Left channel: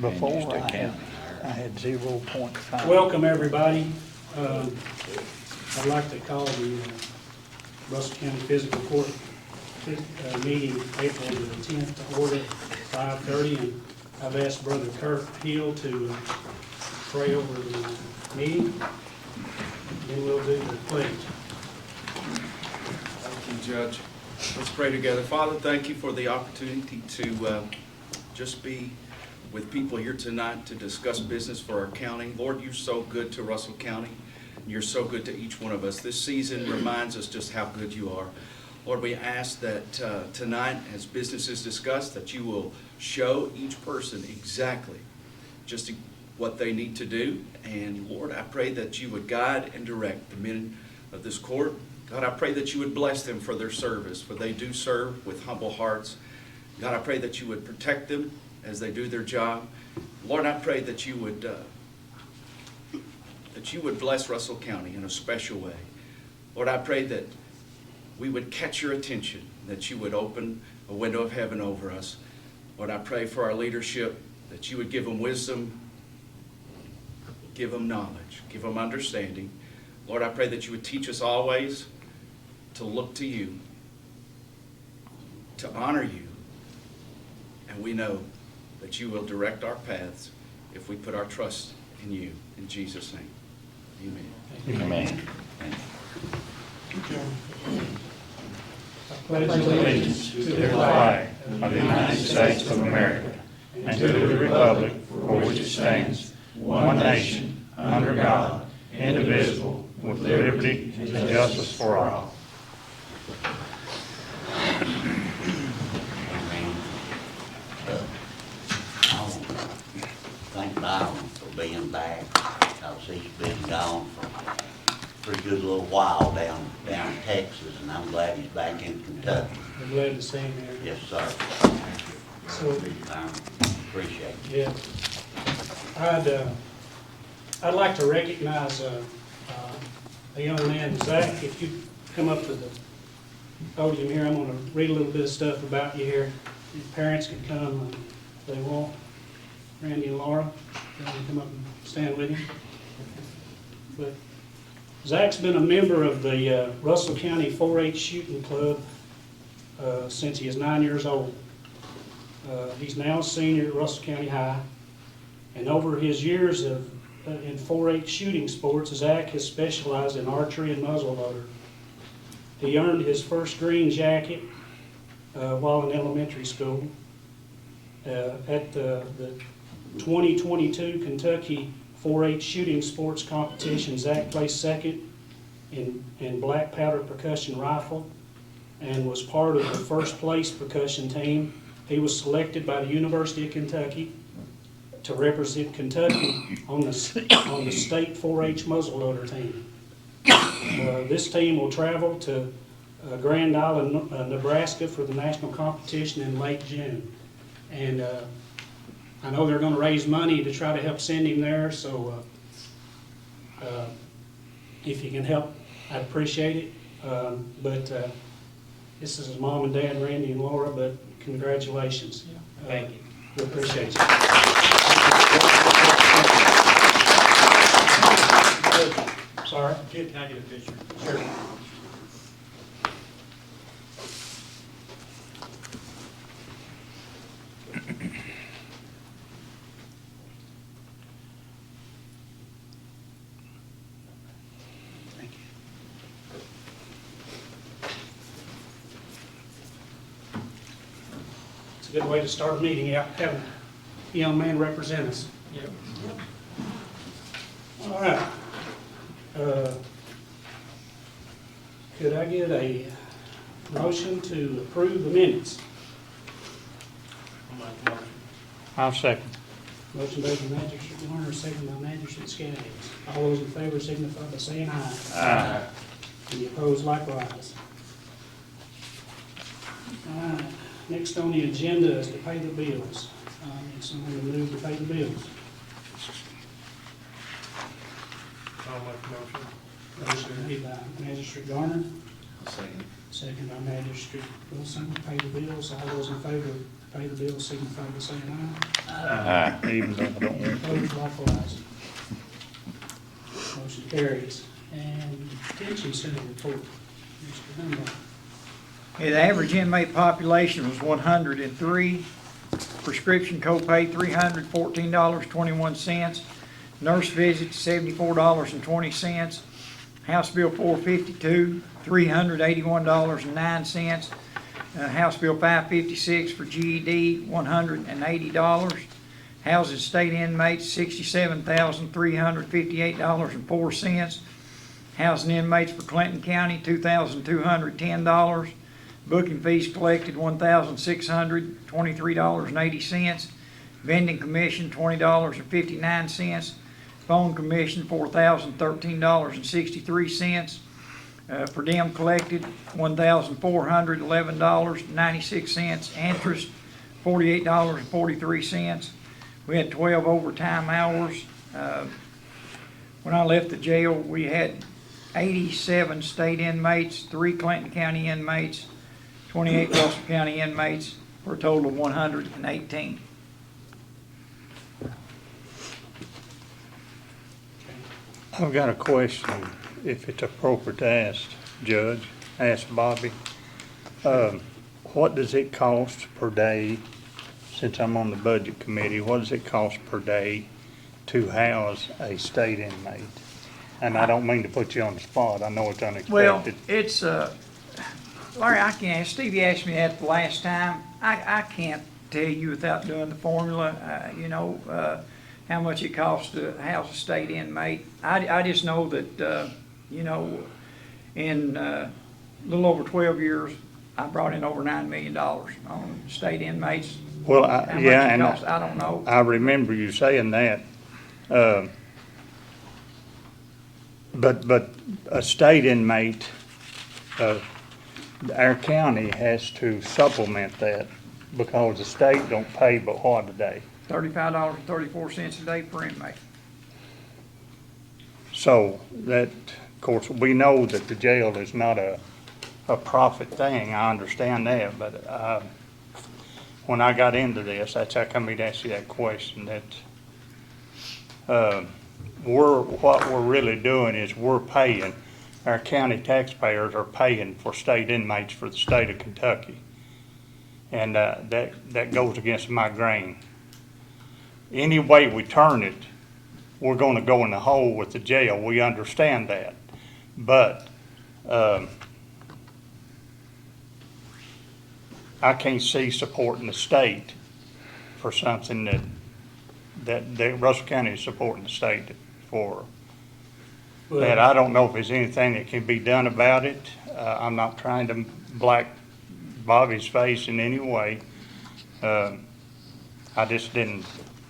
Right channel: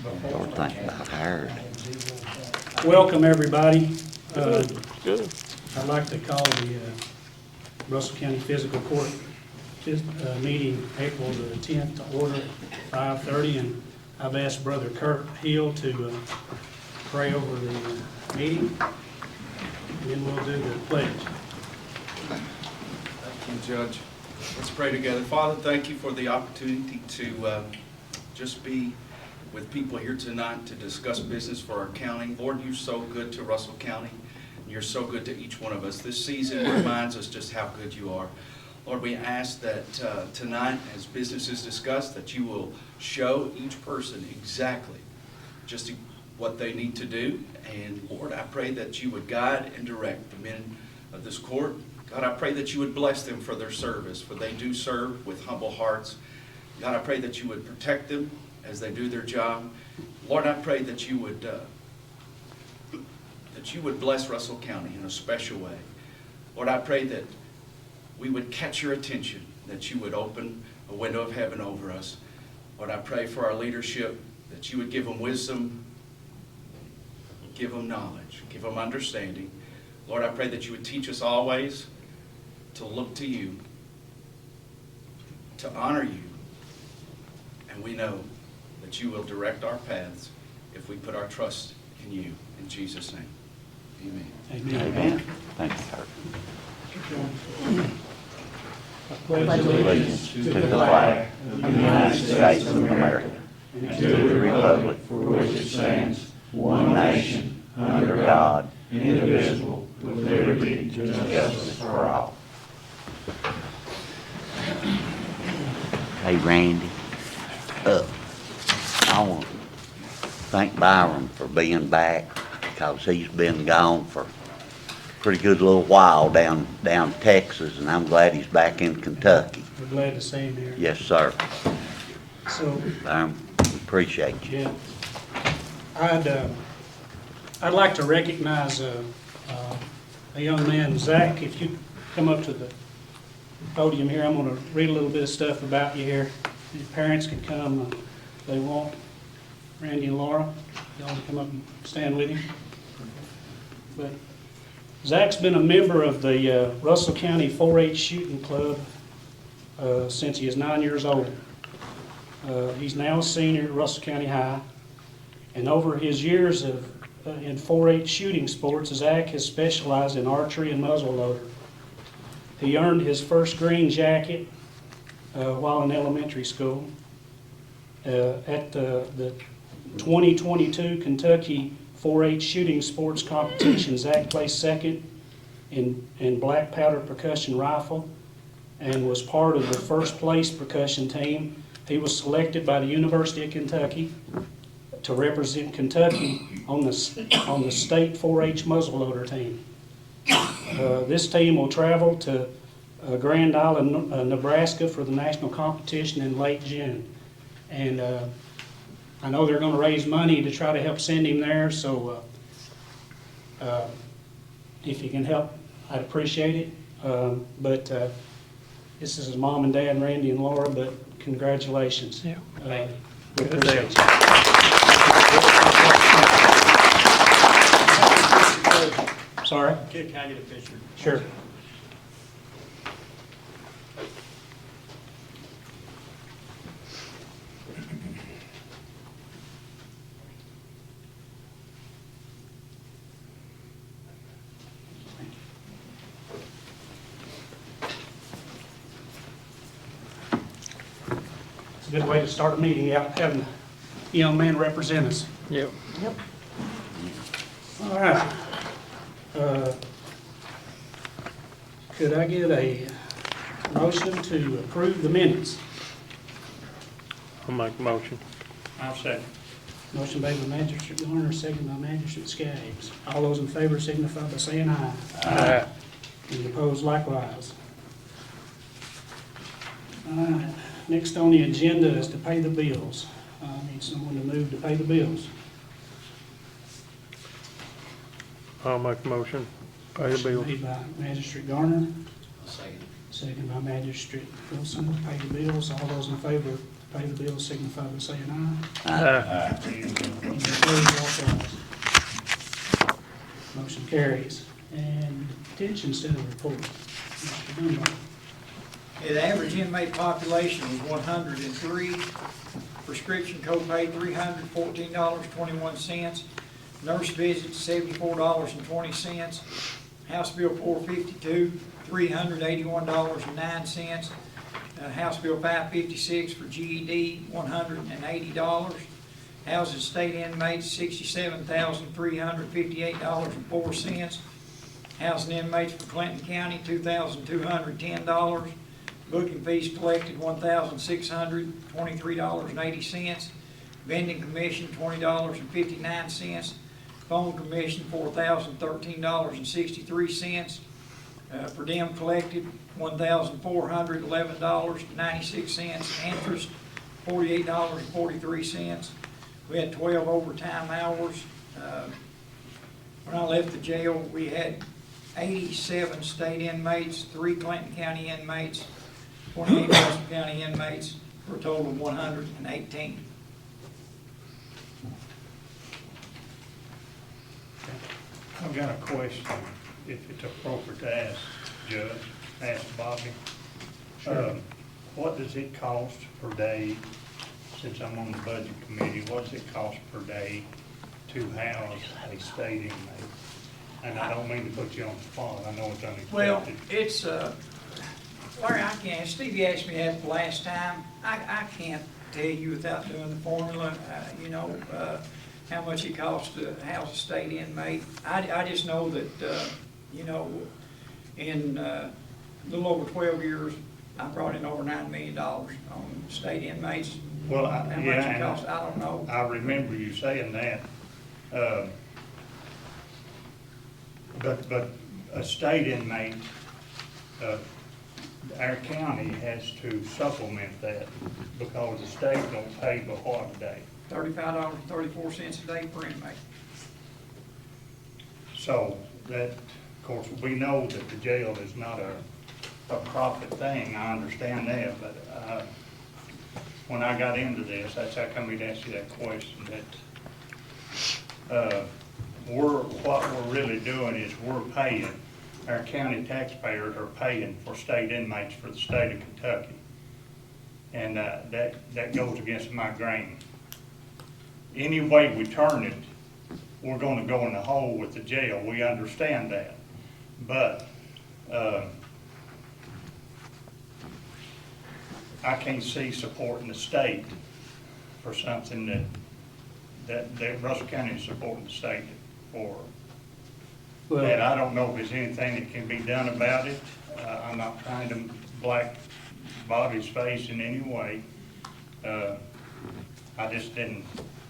Before I had 0 point. Welcome, everybody. Good. I'd like to call the Russell County Fiscal Court meeting April the 10th to order at 5:30, and I've asked Brother Kirk Hill to pray over the meeting, and then we'll do the pledge. Thank you, Judge. Let's pray together. Father, thank you for the opportunity to just be with people here tonight to discuss business for our county. Lord, you're so good to Russell County, and you're so good to each one of us. This season reminds us just how good you are. Lord, we ask that tonight, as business is discussed, that you will show each person exactly just what they need to do. And Lord, I pray that you would guide and direct the men of this court. God, I pray that you would bless them for their service, for they do serve with humble hearts. God, I pray that you would protect them as they do their job. Lord, I pray that you would bless Russell County in a special way. Lord, I pray that we would catch your attention, that you would open a window of heaven over us. Lord, I pray for our leadership, that you would give them wisdom, give them knowledge, give them understanding. Lord, I pray that you would teach us always to look to you, to honor you, and we know that you will direct our paths if we put our trust in you. In Jesus' name, amen. Amen. Thank you. Pledge allegiance To the flag of the United States of America and to the republic for which it stands, one nation, under God, indivisible, with liberty and justice for all. Hey, Randy, I want to thank Byron for being back, because he's been gone for a pretty good little while down in Texas, and I'm glad he's back in Kentucky. We're glad to see you there. Yes, sir. So, Appreciate you. yeah, I'd like to recognize a young man, Zach. If you come up to the podium here, I'm going to read a little bit of stuff about you here. Your parents can come, they won't. Randy and Laura, you want to come up and stand with you? But Zach's been a member of the Russell County 4-H Shooting Club since he was 9 years old. He's now a senior at Russell County High, and over his years in 4-H shooting sports, Zach has specialized in archery and muzzleloader. He earned his first green jacket while in elementary school. At the 2022 Kentucky 4-H shooting sports competition, Zach placed second in black powder percussion rifle and was part of the first place percussion team. He was selected by the University of Kentucky to represent Kentucky on the state 4-H muzzleloader team. This team will travel to Grand Island, Nebraska for the national competition in late June. And I know they're going to raise money to try to help send him there, so if you can help, I'd appreciate it. But this is his mom and dad, Randy and Laura, but congratulations. Yeah, thank you. We appreciate you. Sorry? Can I get a picture? Sure. Thank you. It's a good way to start a meeting, out having a young man represent us. Yep. All right. Could I get a motion to approve the minutes? I'll make a motion. I'll second. Motion made by Magistrate Garner, second by Magistrate Skaggs. All those in favor signify by saying aye. Aye. Any opposed likewise. All right. Next on the agenda is to pay the bills. I need someone to move to pay the bills. I'll make a motion. Pay the bill. Made by Magistrate Garner, Second. second by Magistrate Wilson. Pay the bills. All those in favor pay the bill, signify by saying aye. Even though- Opposed, likewise. Motion carries. And detention center report. Mr. Dunbar. Yeah, the average inmate population was 103. Prescription copay, $314.21. Nurse visits, $74.20. House Bill 452, $381.09. House Bill 556 for GED, $180. Housing state inmates, $67,358.04. Housing inmates for Clinton County, $2,210. Booking fees collected, $1,623.80. Vending commission, $20.59. Phone commission, $4,013.63. Per diem collected, $1,411.96. Interest, $48.43. We had 12 overtime hours. When I left the jail, we had 87 state inmates, 3 Clinton County inmates, 28 Russell County inmates, for a total of 118. I've got a question, if it's appropriate to ask, Judge, ask Bobby. What does it cost per day, since I'm on the budget committee, what does it cost per day to house a state inmate? And I don't mean to put you on the spot, I know it's Well, unexpected. it's, Larry, I can't, Stevie asked me that the last time. I can't tell you without doing the formula, how much it costs to house a state inmate. I just know that, in a little over 12 years, I brought in over $9 million on state inmates. Well, How much yeah, it and costs, I don't know. I remember you saying that. But a state inmate, our county has to supplement that because the state don't pay but what a day. $35.34 a day per inmate. So that, of course, we know that the jail is not a profit thing, I understand that, but, when I got into this, that's how come he'd ask you that question, that, what we're really doing is we're paying, our county taxpayers are paying for state inmates for the state of Kentucky. And, that goes against my grain. Any way we turn it, we're gonna go in the hole with the jail, we understand that. But, I can't see supporting the state for something that Russell County is supporting the state for. That I don't know if there's anything that can be done about it. I'm not trying to black Bobby's face in any way. I just didn't,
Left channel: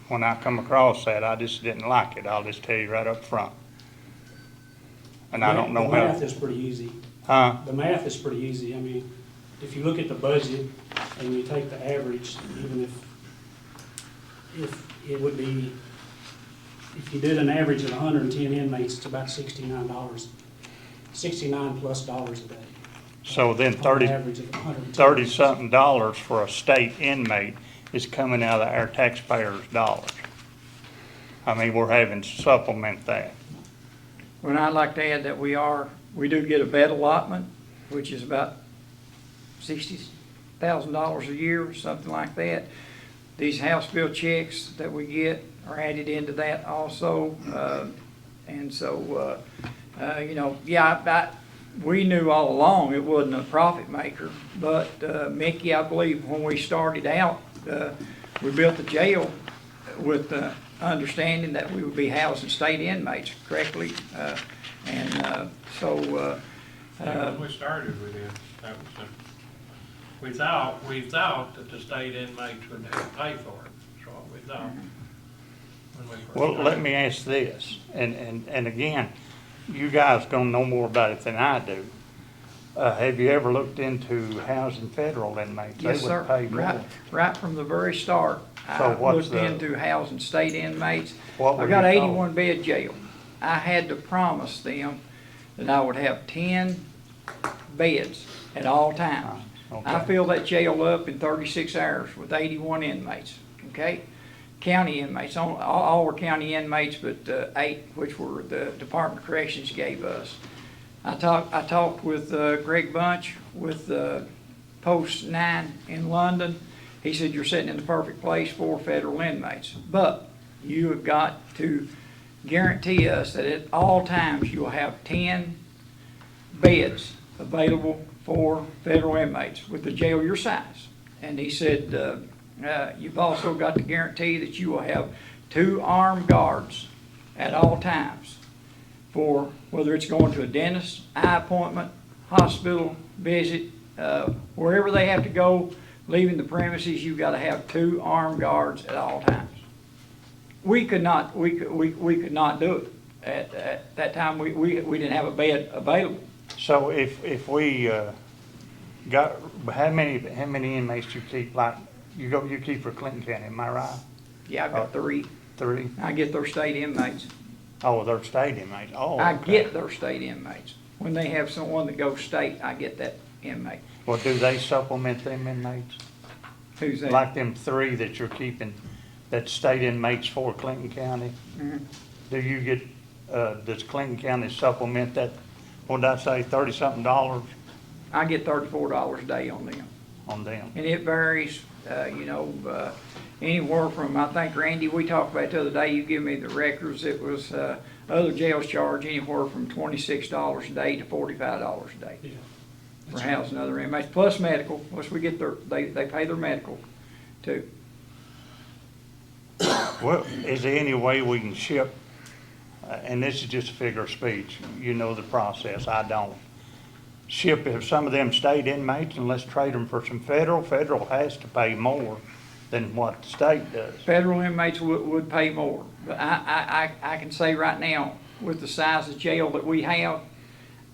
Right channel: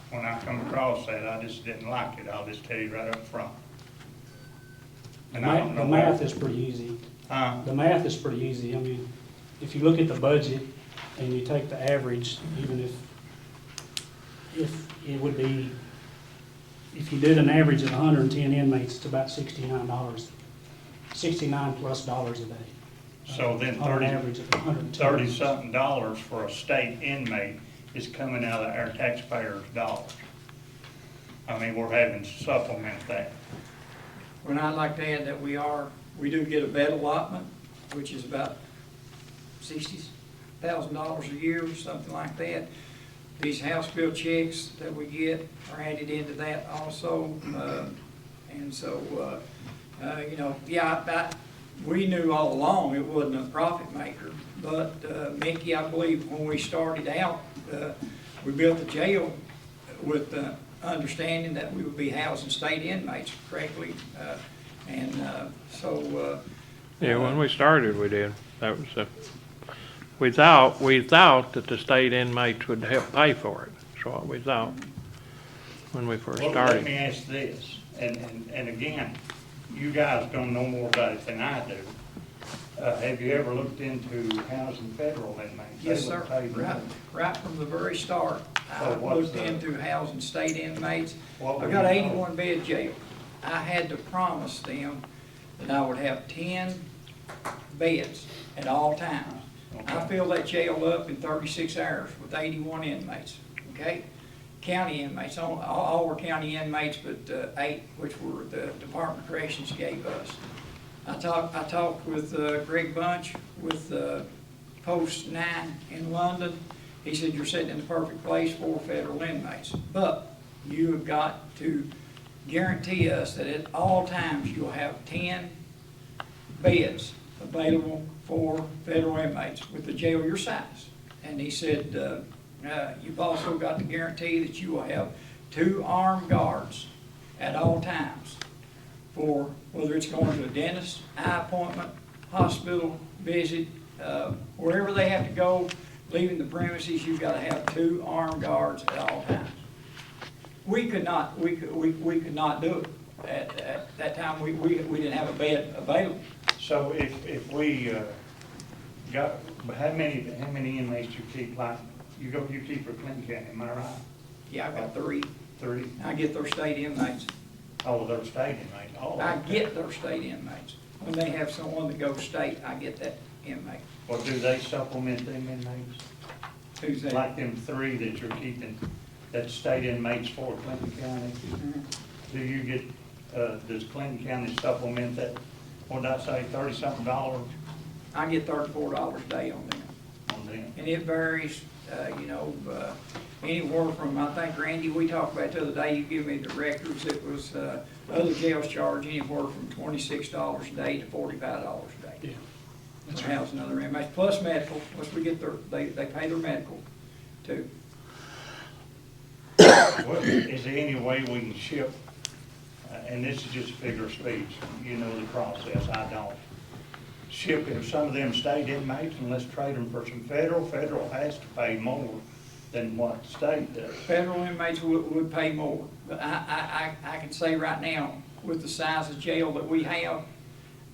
when I come across that, I just didn't like it. I'll just tell you right up front. And I don't know The how. math is pretty easy. Huh? The math is pretty easy. I mean, if you look at the budget and you take the average, even if it would be, if you did an average of 110 inmates, it's about $69 plus dollars a day. So then On an average of 110. $30-something for a state inmate is coming out of our taxpayers' dollars. I mean, we're having to supplement that. Well, I'd like to add that we do get a bed allotment, which is about $60,000 a year, something like that. These House bill checks that we get are added into that also. And so, we knew all along it wasn't a profit maker. But, Mickey, I believe when we started out, we built the jail with the understanding that we would be housing state inmates correctly. Yeah, when we started, we did. That was we thought that the state inmates would help pay for it. That's what we thought when we first started. Well, let me ask this, and again, you guys gonna know more about it than I do. Have you ever looked into housing federal inmates? Yes, They would sir. pay more. Right from the very start, So I what's looked into housing state inmates. What were I got you an told? 81 bed jail. I had to promise them that I would have 10 beds at all times. I Okay. filled that jail up in 36 hours with 81 inmates, okay? County inmates, all were county inmates, but 8, which were the Department of Corrections gave us. I talked with Greg Bunch with Post 9 in London. He said, you're sitting in the perfect place for federal inmates, but you have got to guarantee us that at all times you will have 10 beds available for federal inmates with the jail your size. And he said, you've also got to guarantee that you will have 2 armed guards at all times for whether it's going to a dentist, eye appointment, hospital visit, wherever they have to go, leaving the premises, you've got to have 2 armed guards at all times. We could not do it. At that time, we didn't have a bed available. So if we, got, how many inmates you keep, like, you keep for Clinton County, am I right? Yeah, I've got 3. 3? I get their state inmates. Oh, they're state inmates, oh, I okay. get their state inmates. When they have someone that goes state, I get that inmate. Well, do they supplement them inmates? Who's that? Like them 3 that you're keeping, that's state inmates for Clinton County? Mhm. Do you get, does Clinton County supplement that, what did I say, $30-something I get $34 a day on them. on them? And it varies, anywhere from, I think, Randy, we talked about it the other day, you give me the records, it was, other jails charge anywhere from $26 a day to $45 a day. Yeah. For housing other inmates, plus medical, plus we get they pay their medical too. Well, is there any way we can ship, and this is just a figure of speech, you know the process, I don't. Ship some of them state inmates and let's trade them for some federal. Federal has to pay more than what the state does. Federal inmates would pay more, but I can say right now, with the size of jail that we have,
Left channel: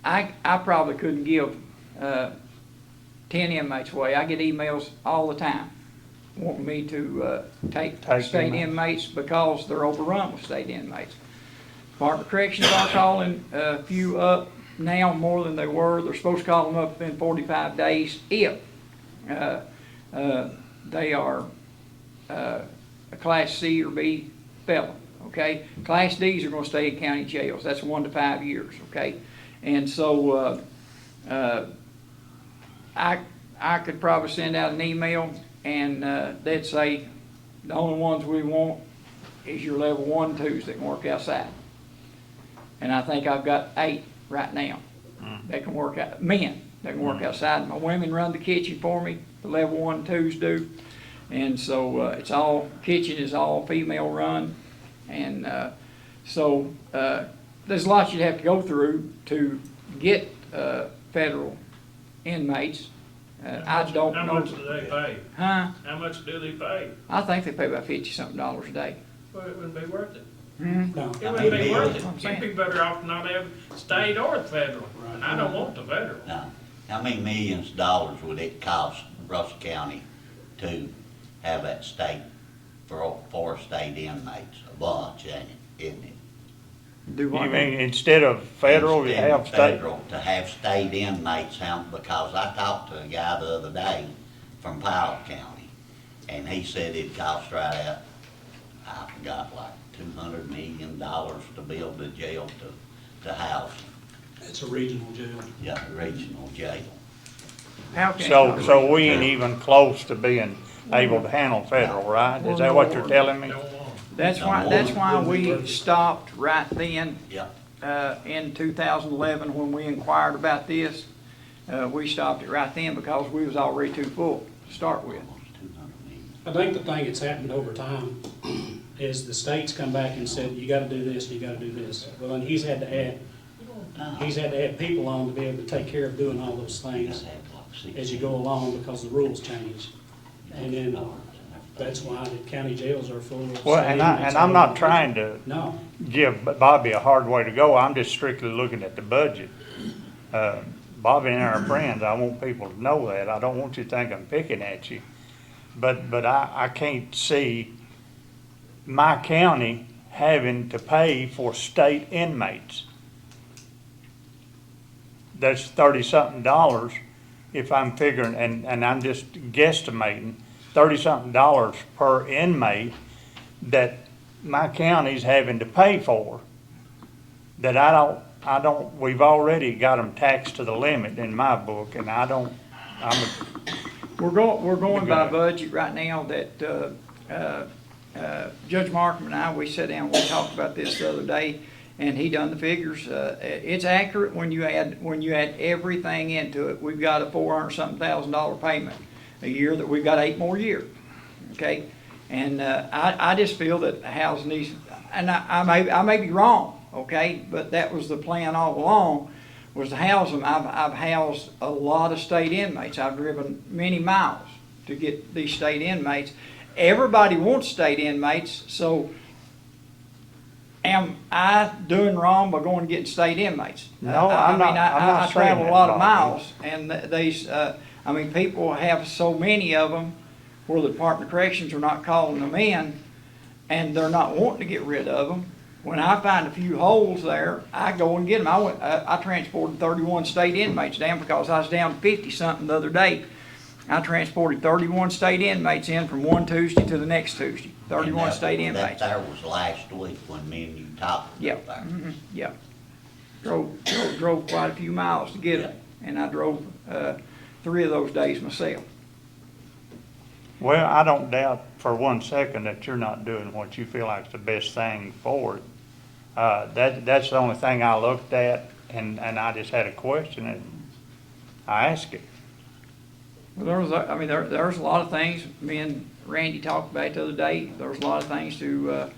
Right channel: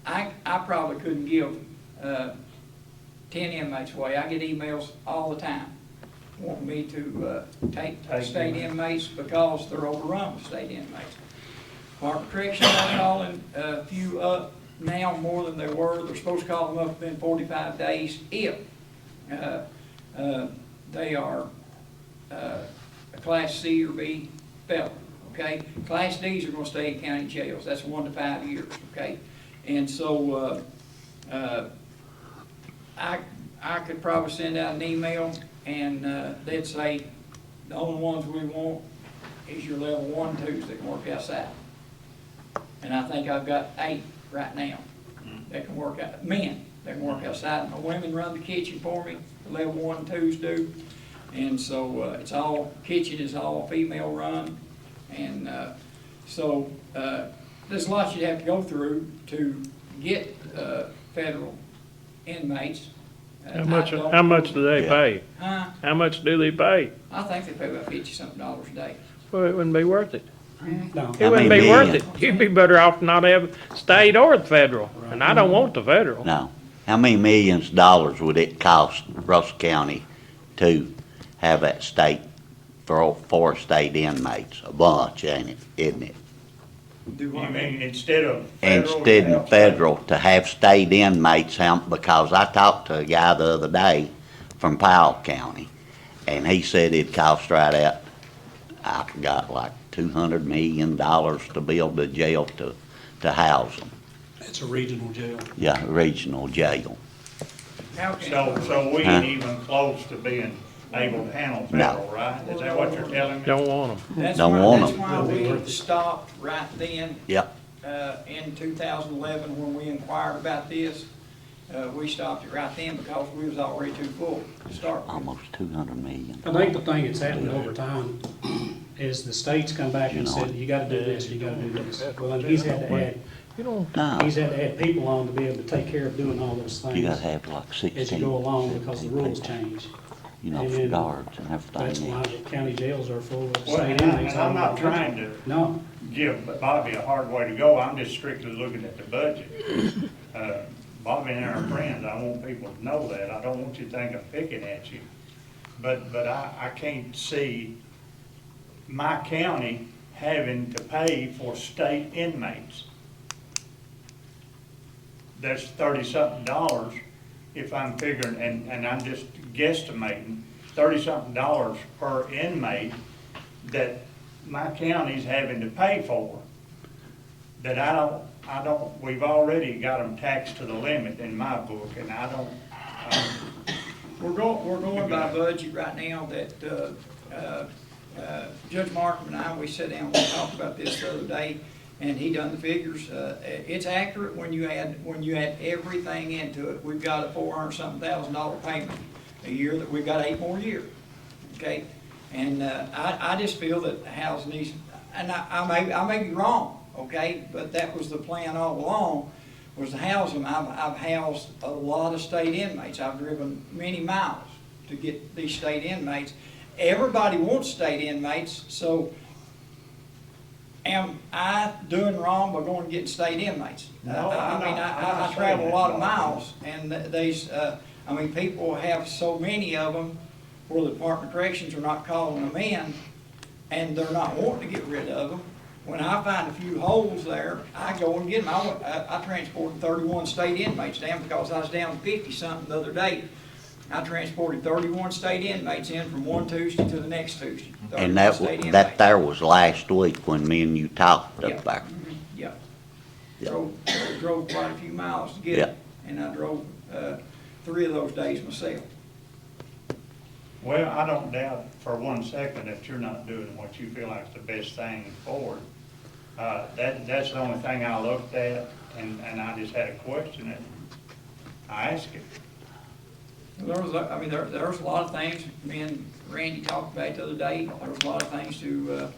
I probably couldn't give 10 inmates away. I get emails all the time wanting me to take state inmates because they're overrun with state inmates. Department of Corrections are calling a few up now more than they were. They're supposed to call them up within 45 days if they are a Class C or B felon, okay? Class Ds are gonna stay in county jails. That's 1 to 5 years, okay? And so I could probably send out an email and they'd say, the only ones we want is your level 1, 2s that can work outside. And I think I've got 8 right now that can work out, men that can work outside. My women run the kitchen for me, the level 1, 2s do. And so it's all, kitchen is all female run. And so there's lots you have to go through to get federal inmates. How much do they pay? Huh? How much do they pay? I think they pay about $50-something a day. Well, it wouldn't be worth it. No. It wouldn't be many worth it. millions? You'd be better off not have state or the federal, and I don't want the federal. No. How many millions of dollars would it cost Russell County to have that state, for state inmates? A bunch, ain't it, isn't it? Do You what? mean instead of federal? you Instead have of state? federal, to have state inmates, because I talked to a guy the other day from Powell County, and he said it'd cost right at, I forgot, like $200 million to build the jail to house them. It's a regional jail. Yeah, regional jail. How can- So we ain't Huh? even close to being able to handle federal, right? Is that what you're telling me? Don't want them. That's Don't why, want that's them. why we stopped right then, Yep. in 2011, when we inquired about this. We stopped it right then because we was already too full to start with. Almost 200 million. I think the thing that's happened over time is the states come back and said, you gotta do this, you gotta do this. Well, then he's had to add, No, he's had to add people on to be able to take care of doing all those you gotta things have like as you 16, go along because the rules change. you know, and for then guards and That's everything. why the county jails are full of Well, state inmates. I'm not trying to No, give Bobby a hard way to go. I'm just strictly looking at the budget. Bobby and I are friends. I want people to know that. I don't want you to think I'm picking at you. But I can't see my county having to pay for state inmates. That's $30-something if I'm figuring, and I'm just guesstimating, $30-something per inmate that my county's having to pay for, that I don't, we've already got them taxed to the limit in my book, and We're going by budget right now that, Judge Marcum and I, we sat down, we talked about this the other day, and he done the figures. It's accurate when you add everything into it. We've got a $400-something thousand payment a year that we've got 8 more years, okay? And, I just feel that the housing needs, and I may be wrong, okay? But that was the plan all along, was to house them. I've housed a lot of state inmates. I've driven many miles to get these state inmates. Everybody wants state inmates, so am I doing wrong by going and getting state inmates? No, I'm not I saying travel a that, lot of Bob. miles, and these, people have so many of them where the Department of Corrections are not calling them in, and they're not wanting to get rid of them. When I find a few holes there, I go and get them. I transported 31 state inmates down because I was down 50-something the other day. I transported 31 state inmates in from one Tuesday to the next Tuesday. And 31 state inmates. that there was last week when me and you talked Yeah. up there. Yeah. Drove quite a few miles to get it, and I drove 3 of those days myself. Well, I don't doubt for one second that you're not doing what you feel like is the best thing for it. That's the only thing I looked at, and I just had a question, and I asked it. There was, there's a lot of things, me and Randy talked about it the other day, there was a lot of things to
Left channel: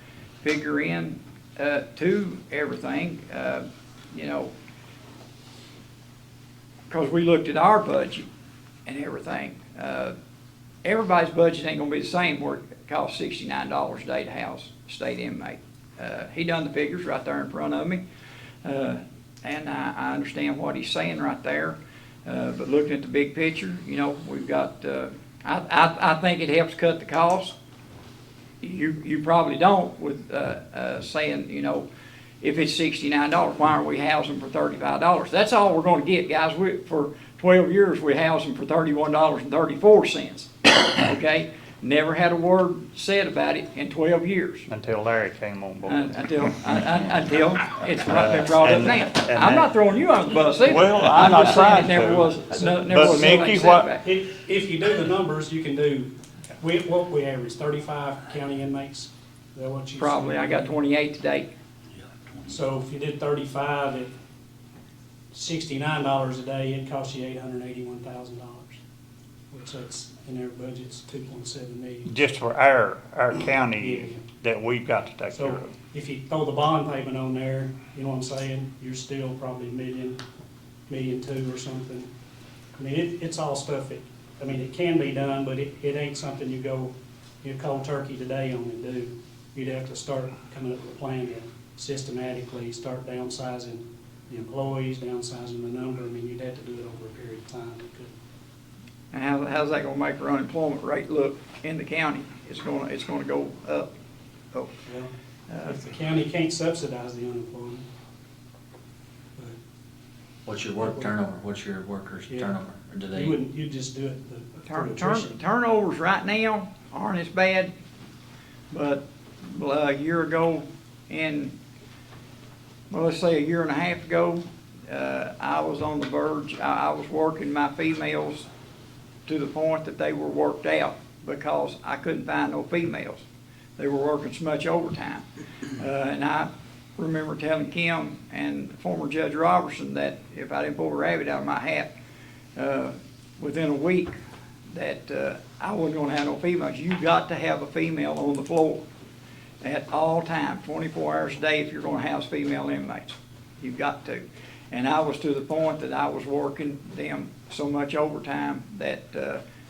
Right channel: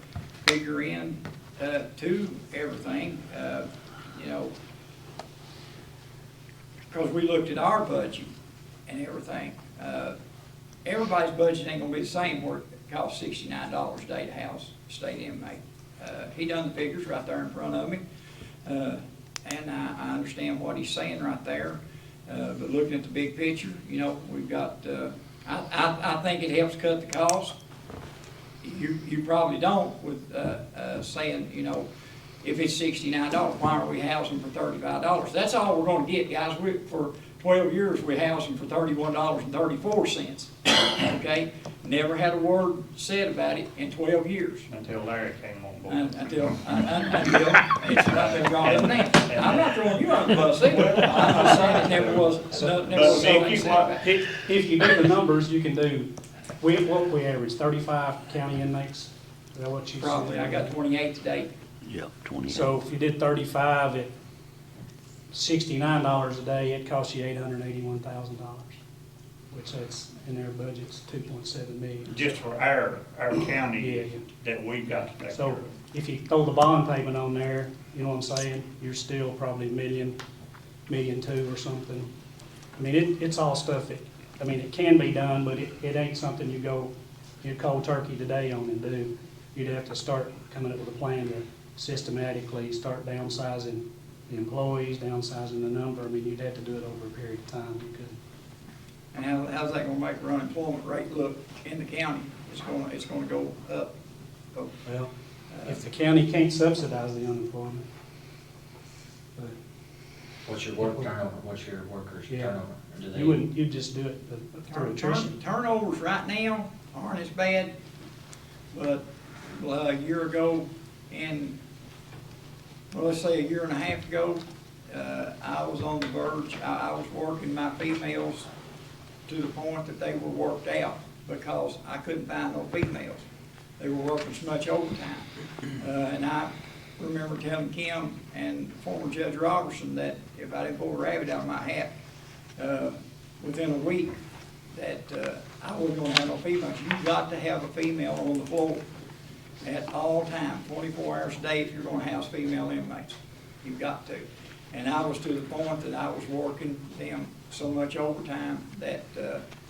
figure in to everything, because we looked at our budget and everything. Everybody's budget ain't gonna be the same, where it costs $69 a day to house a state inmate. He done the figures right there in front of me, and I understand what he's saying right there. But looking at the big picture, we've got, I think it helps cut the cost. You probably don't with, saying, if it's $69, why aren't we housing for $35? That's all we're gonna get, guys. For 12 years, we housed them for $31.34, okay? Never had a word said about it in 12 years. Until Larry came on board. Until it's been brought up now. I'm not throwing you on the bus either. Well, I'm not saying it trying never to. was, never But was Mickey, something said what- about it. If you do the numbers, you can do, what we average, 35 county inmates? Is that what you? Probably, I got 28 today. Yeah, 20. So if you did 35 at $69 a day, it'd cost you $881,000, which that's in their budget's $2.7 million. Just for our Yeah. county that we've got to take care So of. if you throw the bond payment on there, you know what I'm saying, you're still probably $1.2 million or something. I mean, it's all stuff that, it can be done, but it ain't something you go, cold turkey today on and do. You'd have to start coming up with a plan to systematically start downsizing the employees, downsizing the number. You'd have to do it over a period of time. And how's that gonna make our unemployment rate look in the county? It's gonna go up. Oh, Well, if the county can't subsidize the unemployment. But What's your work turnover? What's your workers' Yeah. turnover? Or do they? you'd just do it through attrition. Turnovers right now aren't as bad, but a year ago let's say a year and a half ago, I was on the verge, I was working my females to the point that they were worked out because I couldn't find no females. They were working so much overtime. And I remember telling Kim and former Judge Robertson that if I didn't pull a rabbit out of my hat, within a week, that I wasn't gonna have no females. You got to have a female on the floor at all times, 24 hours a day, if you're gonna house female inmates. You've got to. And I was to the point that I was working them so much overtime that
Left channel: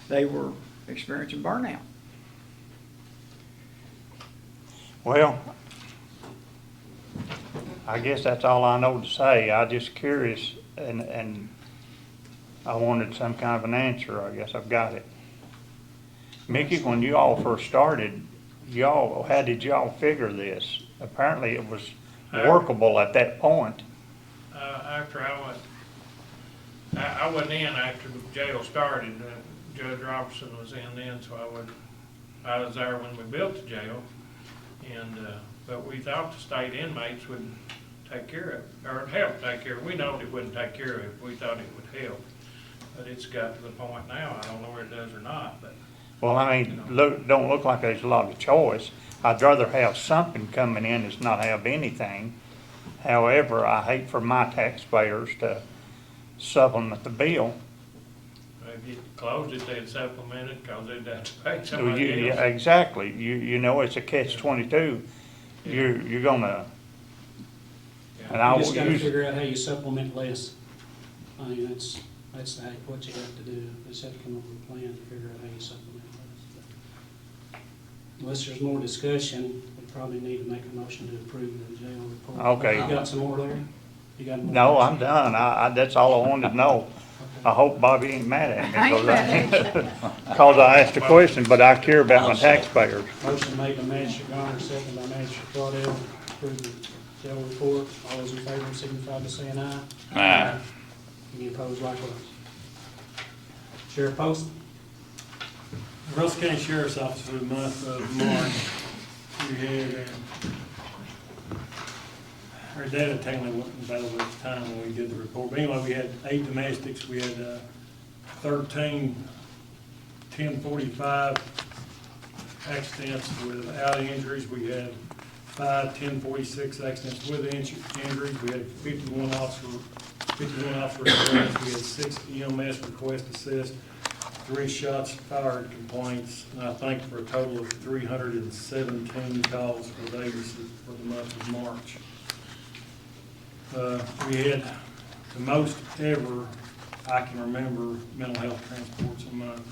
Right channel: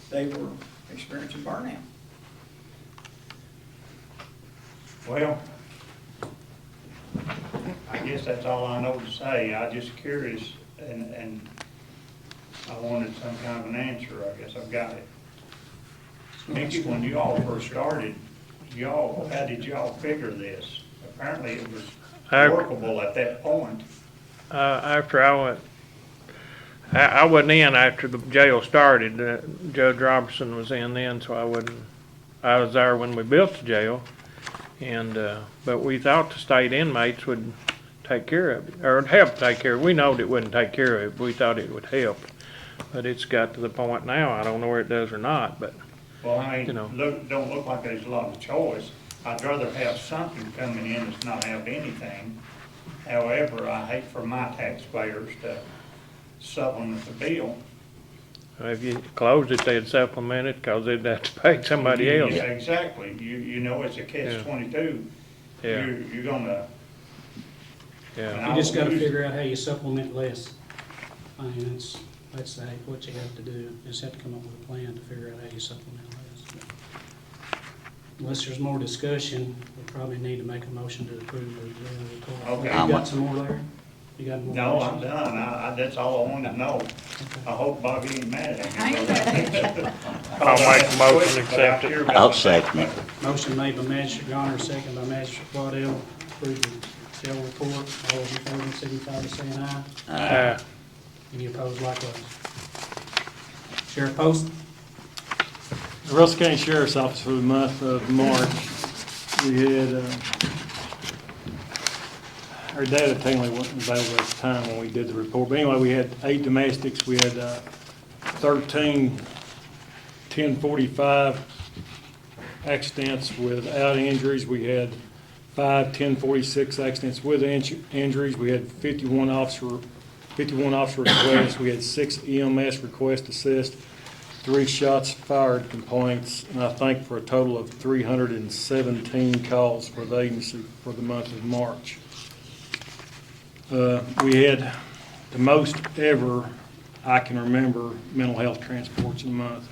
they were experiencing burnout. Well, I guess that's all I know to say. I'm just curious, and I wanted some kind of an answer. I guess I've got it. Mickey, when you all first started, how did y'all figure this? Apparently it was workable at that point. After I went I wasn't in after the jail started. Judge Robertson was in then, so I was there when we built the jail. And, but we thought the state inmates would take care of it, or help take care of it. We knowed it wouldn't take care of it, but we thought it would help. But it's got to the point now, I don't know where it does or not, but, Well, I You mean, know. don't look like there's a lot of choice. I'd rather have something coming in than not have anything. However, I hate for my taxpayers to supplement the bill. if you closed it, they'd supplement it, cause they'd have to pay somebody Yeah, else. exactly. You know, it's a catch-22. Yeah. You're gonna, and Yeah, I You just will gotta use, figure out how you supplement less. I mean, that's what you have to do, you just have to come up with a plan to figure out how you supplement less. Unless there's more discussion, we probably need to make a motion to approve the jail report. Okay. You got some more there? You got more? no, I'm done. That's all I wanted to know. Okay. I hope Bobby ain't mad at me. I ain't mad at you. Cause I asked a question, but I care about I'll my second. taxpayers. Motion made by Magistrate Garner, second by Magistrate Waddell, approve the jail report. All those in favor signify by saying aye. Any opposed likewise? Sheriff Post? The Russell County Sheriff's Office for the month of March, we had, our data technically wasn't available at the time when we did the report, but anyway, we had 8 domestics, we had 13 1045 accidents without injuries, we had 5 1046 accidents with injuries, we had 51 officer requests, we had 6 EMS request assist, 3 shots fired complaints, and I think for a total of 317 calls for the agency for the month of March. We had the most ever I can remember mental health transports in a month.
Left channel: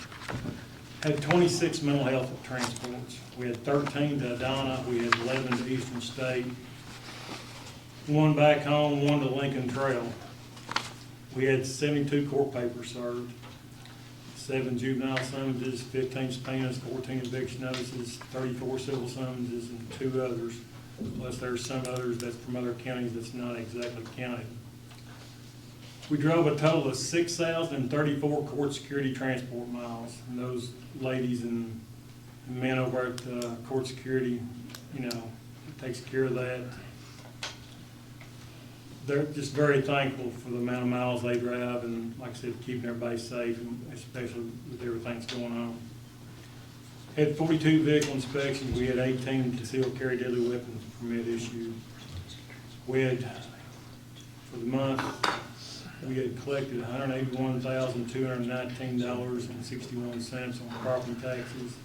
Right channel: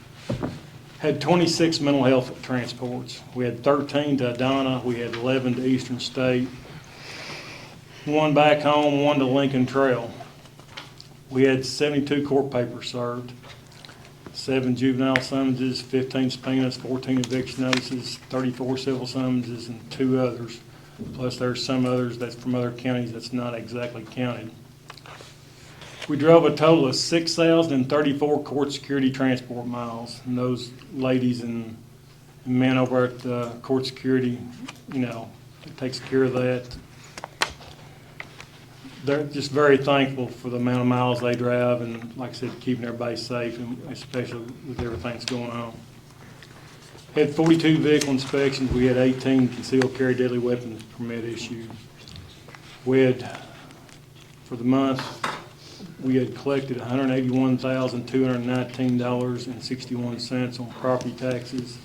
Had 26 mental health transports. We had 13 to Adana, we had 11 to Eastern State, 1 back home, 1 to Lincoln Trail. We had 72 court papers served, 7 juvenile summonses, 15 subpoenas, 14 eviction notices, 34 civil summonses, and 2 others. Plus there's some others that's from other counties that's not exactly counted. We drove a total of 6,034 court security transport miles. And those ladies and men over at court security, takes care of that. They're just very thankful for the amount of miles they drive and, like I said, keeping everybody safe, and especially with everything that's going on. Had 42 vehicle inspections. We had 18 concealed carry deadly weapons permit issued. We had, for the month, we had collected $181,219.61 on property taxes.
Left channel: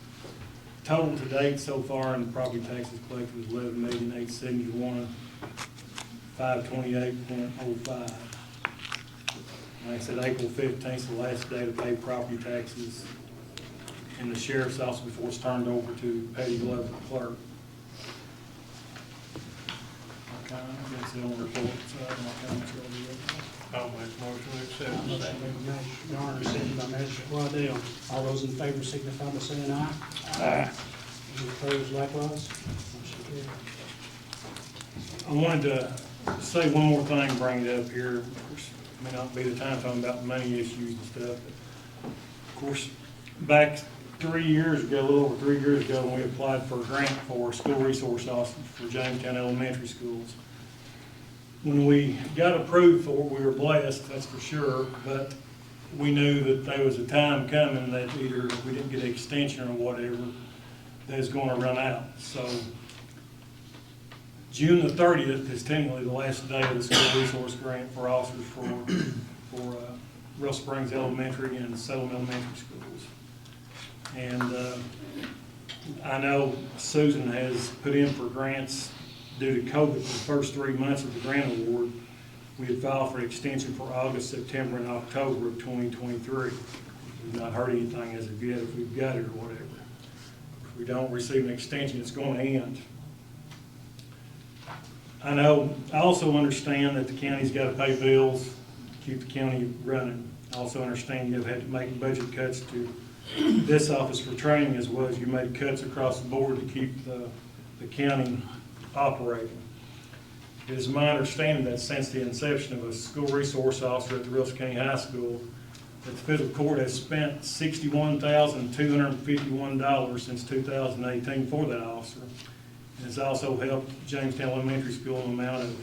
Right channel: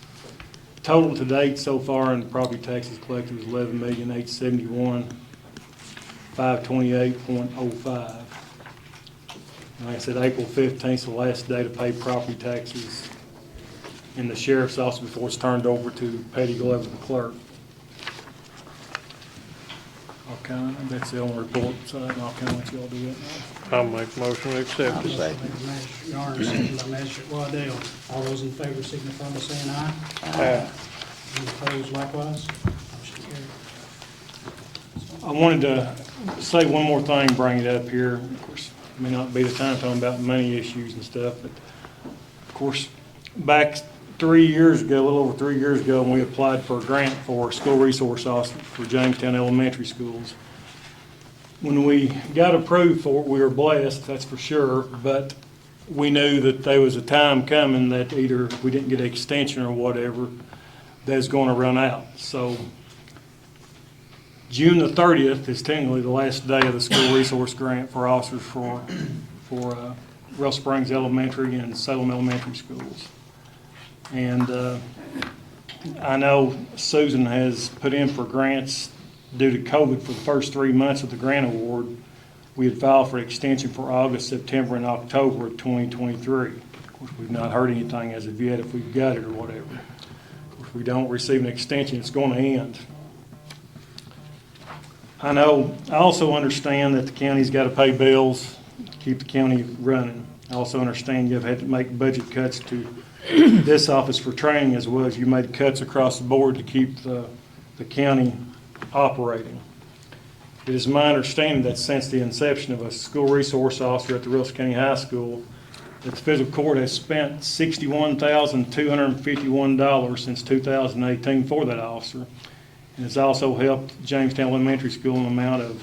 Total to date so far in property taxes collected was $11,871,528.05. Like I said, April 15th is the last day to pay property taxes in the sheriff's office before it's turned over to Petty Glover, the clerk. Okay, that's the only report, so I don't know how much y'all do it. I'll make a motion to accept Motion it. made by Magistrate Garner, second by Magistrate Waddell. All those in favor signify by saying aye. Any opposed likewise? Motion carried. I wanted to say one more thing, bring it up here. Of course, it may not be the time talking about money issues and stuff, but of course, back 3 years ago, a little over 3 years ago, when we applied for a grant for school resource officer for Jamestown Elementary Schools. When we got approved for it, we were blessed, that's for sure, but we knew that there was a time coming that either if we didn't get an extension or whatever, that was going to run out. So June the 30th is technically the last day of the school resource grant for officers for Real Springs Elementary and Salem Elementary Schools. And I know Susan has put in for grants due to COVID for the first 3 months of the grant award. We had filed for extension for August, September, and October of 2023. Of course, we've not heard anything as of yet if we've got it or whatever. If we don't receive an extension, it's going to end. I also understand that the county's got to pay bills, keep the county running. I also understand you've had to make budget cuts to this office for training as well as you made cuts across the board to keep the county operating. It is my understanding that since the inception of a school resource officer at the Russell County High School, that the fiscal court has spent $61,251 since 2018 for that officer. And has also helped Jamestown Elementary School in an amount of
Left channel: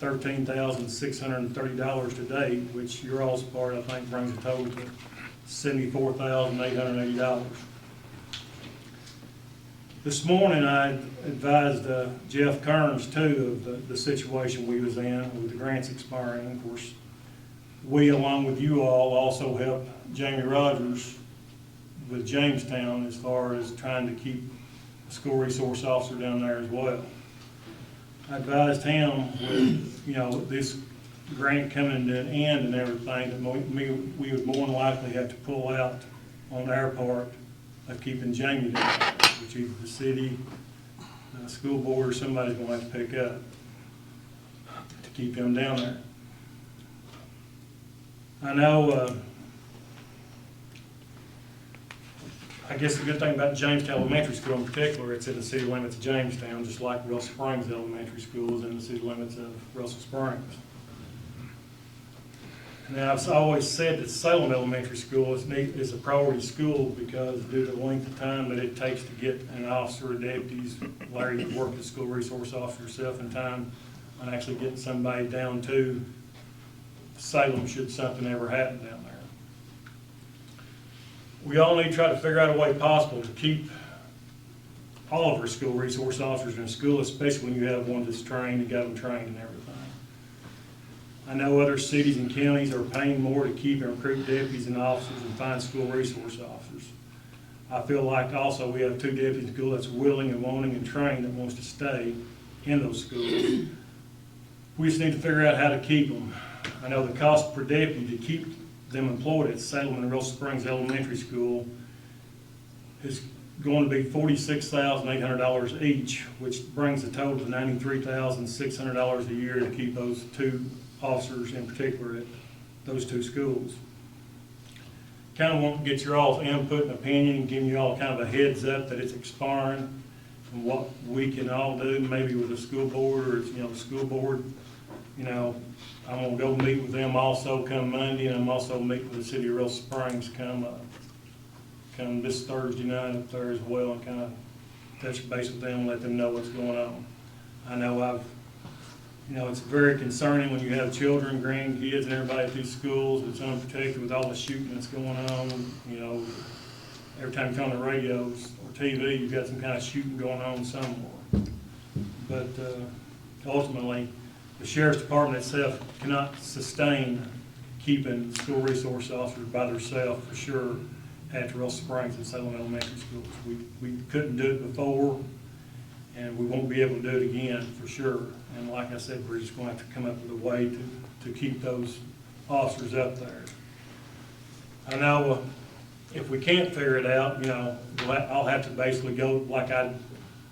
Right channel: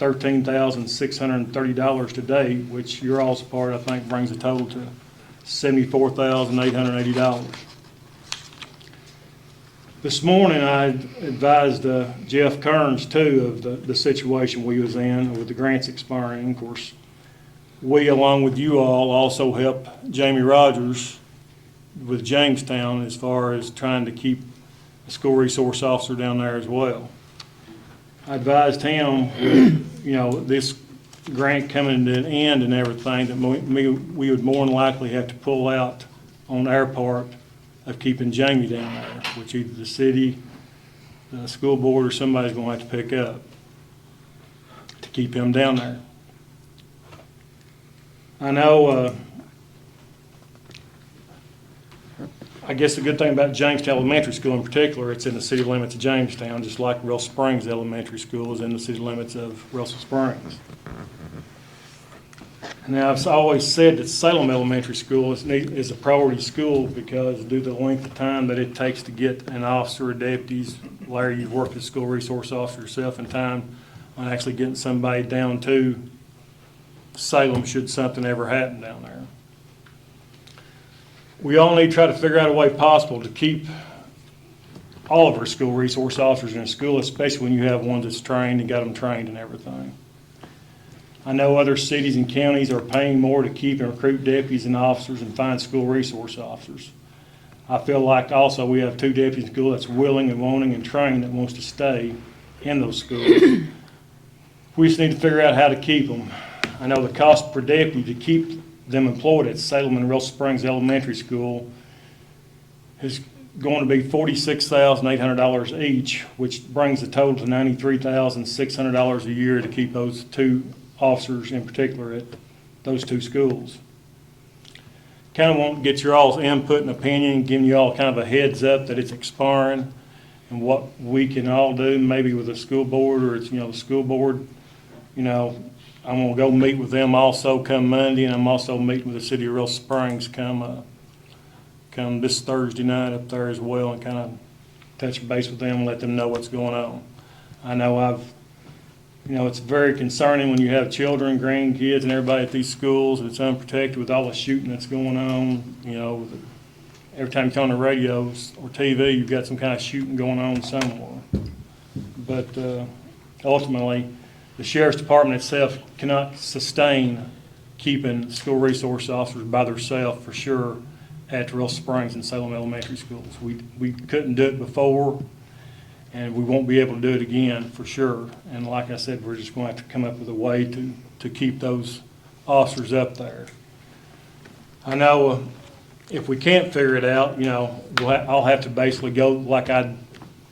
$13,630 to date, which your all's part, I think, brings the total to $74,880. This morning, I advised Jeff Kearns, too, of the situation we was in with the grants expiring. Of course, we, along with you all, also helped Jamie Rogers with Jamestown as far as trying to keep a school resource officer down there as well. I advised him, with, this grant coming to an end and everything, that we would more than likely have to pull out on our part of keeping Jamie down there, which either the city, the school board, or somebody's gonna have to pick up to keep him down there. I know, I guess the good thing about Jamestown Elementary School in particular, it's in the city limits of Jamestown, just like Russell Springs Elementary School is in the city limits of Russell Springs. Now, I've always said that Salem Elementary School is a priority school because due to the length of time that it takes to get an officer or deputies, Larry, you've worked as school resource officer yourself in time on actually getting somebody down to Salem should something ever happen down there. We all need to try to figure out a way possible to keep all of our school resource officers in a school, especially when you have one that's trained and got them trained and everything. I know other cities and counties are paying more to keep and recruit deputies and officers and find school resource officers. I feel like also we have 2 deputies in school that's willing and wanting and trained that wants to stay in those schools. We just need to figure out how to keep them. I know the cost per deputy to keep them employed at Salem and Russell Springs Elementary School is going to be $46,800 each, which brings the total to $93,600 a year to keep those 2 officers in particular at those 2 schools. Kind of want to get your all's input and opinion, giving you all kind of a heads up that it's expiring and what we can all do, maybe with the school board or it's, the school board, I'm going to go meet with them also come Monday, and I'm also meeting with the city of Russell Springs come this Thursday night up there as well and kind of touch base with them and let them know what's going on. I know it's very concerning when you have children, grandkids, and everybody at these schools. It's unprotected with all the shooting that's going on. Every time you turn on the radios or TV, you've got some kind of shooting going on somewhere. But ultimately, the sheriff's department itself cannot sustain keeping school resource officers by themselves for sure at Russell Springs and Salem Elementary Schools. We couldn't do it before, and we won't be able to do it again for sure. And like I said, we're just going to have to come up with a way to keep those officers up there. I know if we can't figure it out, I'll have to basically go like I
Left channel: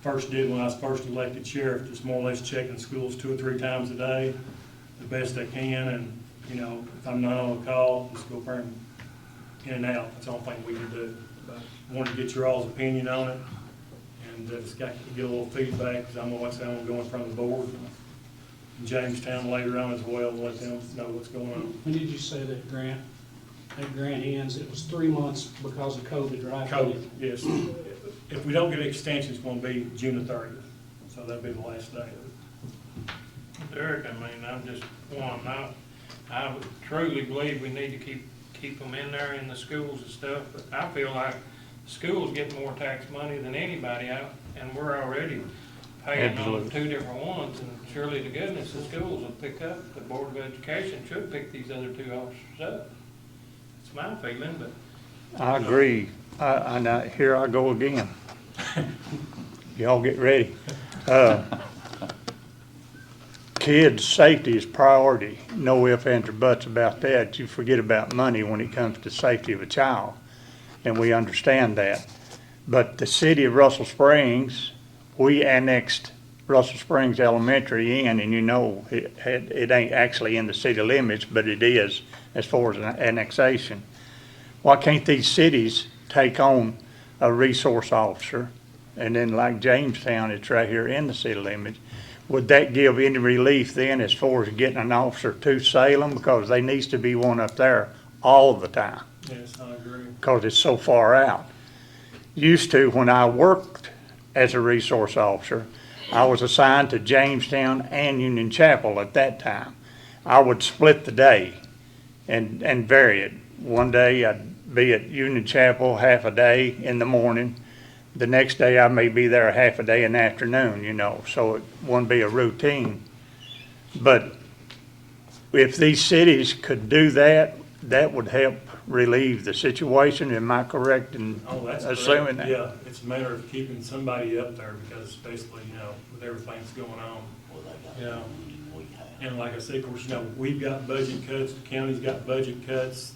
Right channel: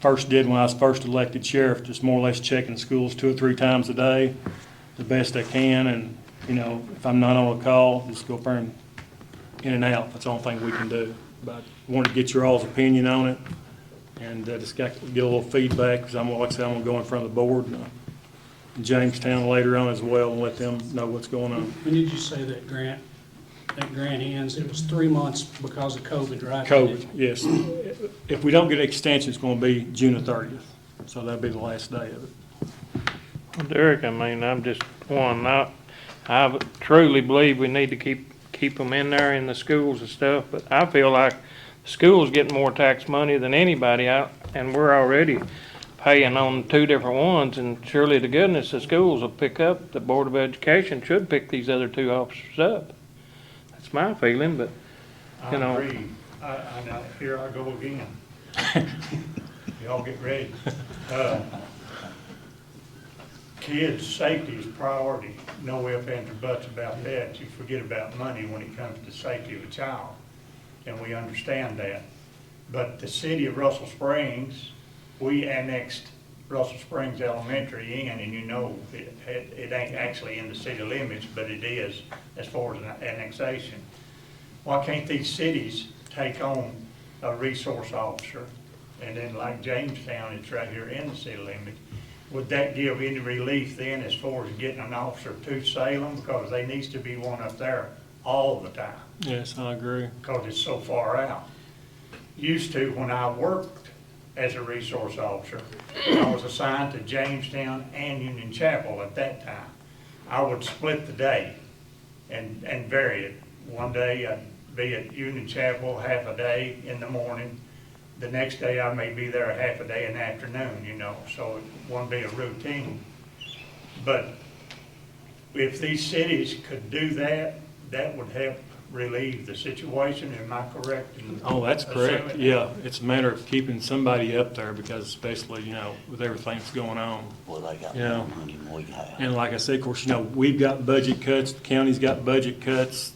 first did when I was first elected sheriff, just more or less checking schools 2 or 3 times a day, the best I can. And, if I'm not on a call, just go there and in and out. That's the only thing we can do. But I wanted to get your all's opinion on it. And just get a little feedback, because like I said, I'm going to go in front of the board in Jamestown later on as well and let them know what's going on. When did you say that grant ends? It was 3 months because of COVID, right? COVID, yes. If we don't get an extension, it's going to be June the 30th. So that'll be the last day of it. Well, Derek, I'm just I truly believe we need to keep them in there in the schools and stuff, but I feel like the schools get more tax money than anybody out, and we're already paying on 2 different ones, and surely to goodness the schools will pick up, the Board of Education should pick these other 2 officers up. That's my feeling, but. I agree. Here I go again. Y'all get ready. Kids' safety is priority. No ifs, ands, or buts about that. You forget about money when it comes to safety of a child, and we understand that. But the city of Russell Springs, we annexed Russell Springs Elementary in, and it ain't actually in the city limits, but it is as far as an annexation. Why can't these cities take on a resource officer? And then like Jamestown, it's right here in the city limits. would that give any relief then as far as getting an officer to Salem? Because there needs to be one up there all the time, Yes, I agree. because it's so far out. Used to, when I worked as a resource officer, I was assigned to Jamestown and Union Chapel at that time. I would split the day and vary it. One day I'd be at Union Chapel half a day in the morning. The next day I may be there half a day in the afternoon, so it wouldn't be a routine. But if these cities could do that, that would help relieve the situation. Am I correct in Oh, that's assuming correct. that? Yeah, it's a matter of keeping somebody up there because especially, with everything that's going on. Well, they got Yeah. more money than we have. And like I said, of course, we've got budget cuts, the county's got budget cuts,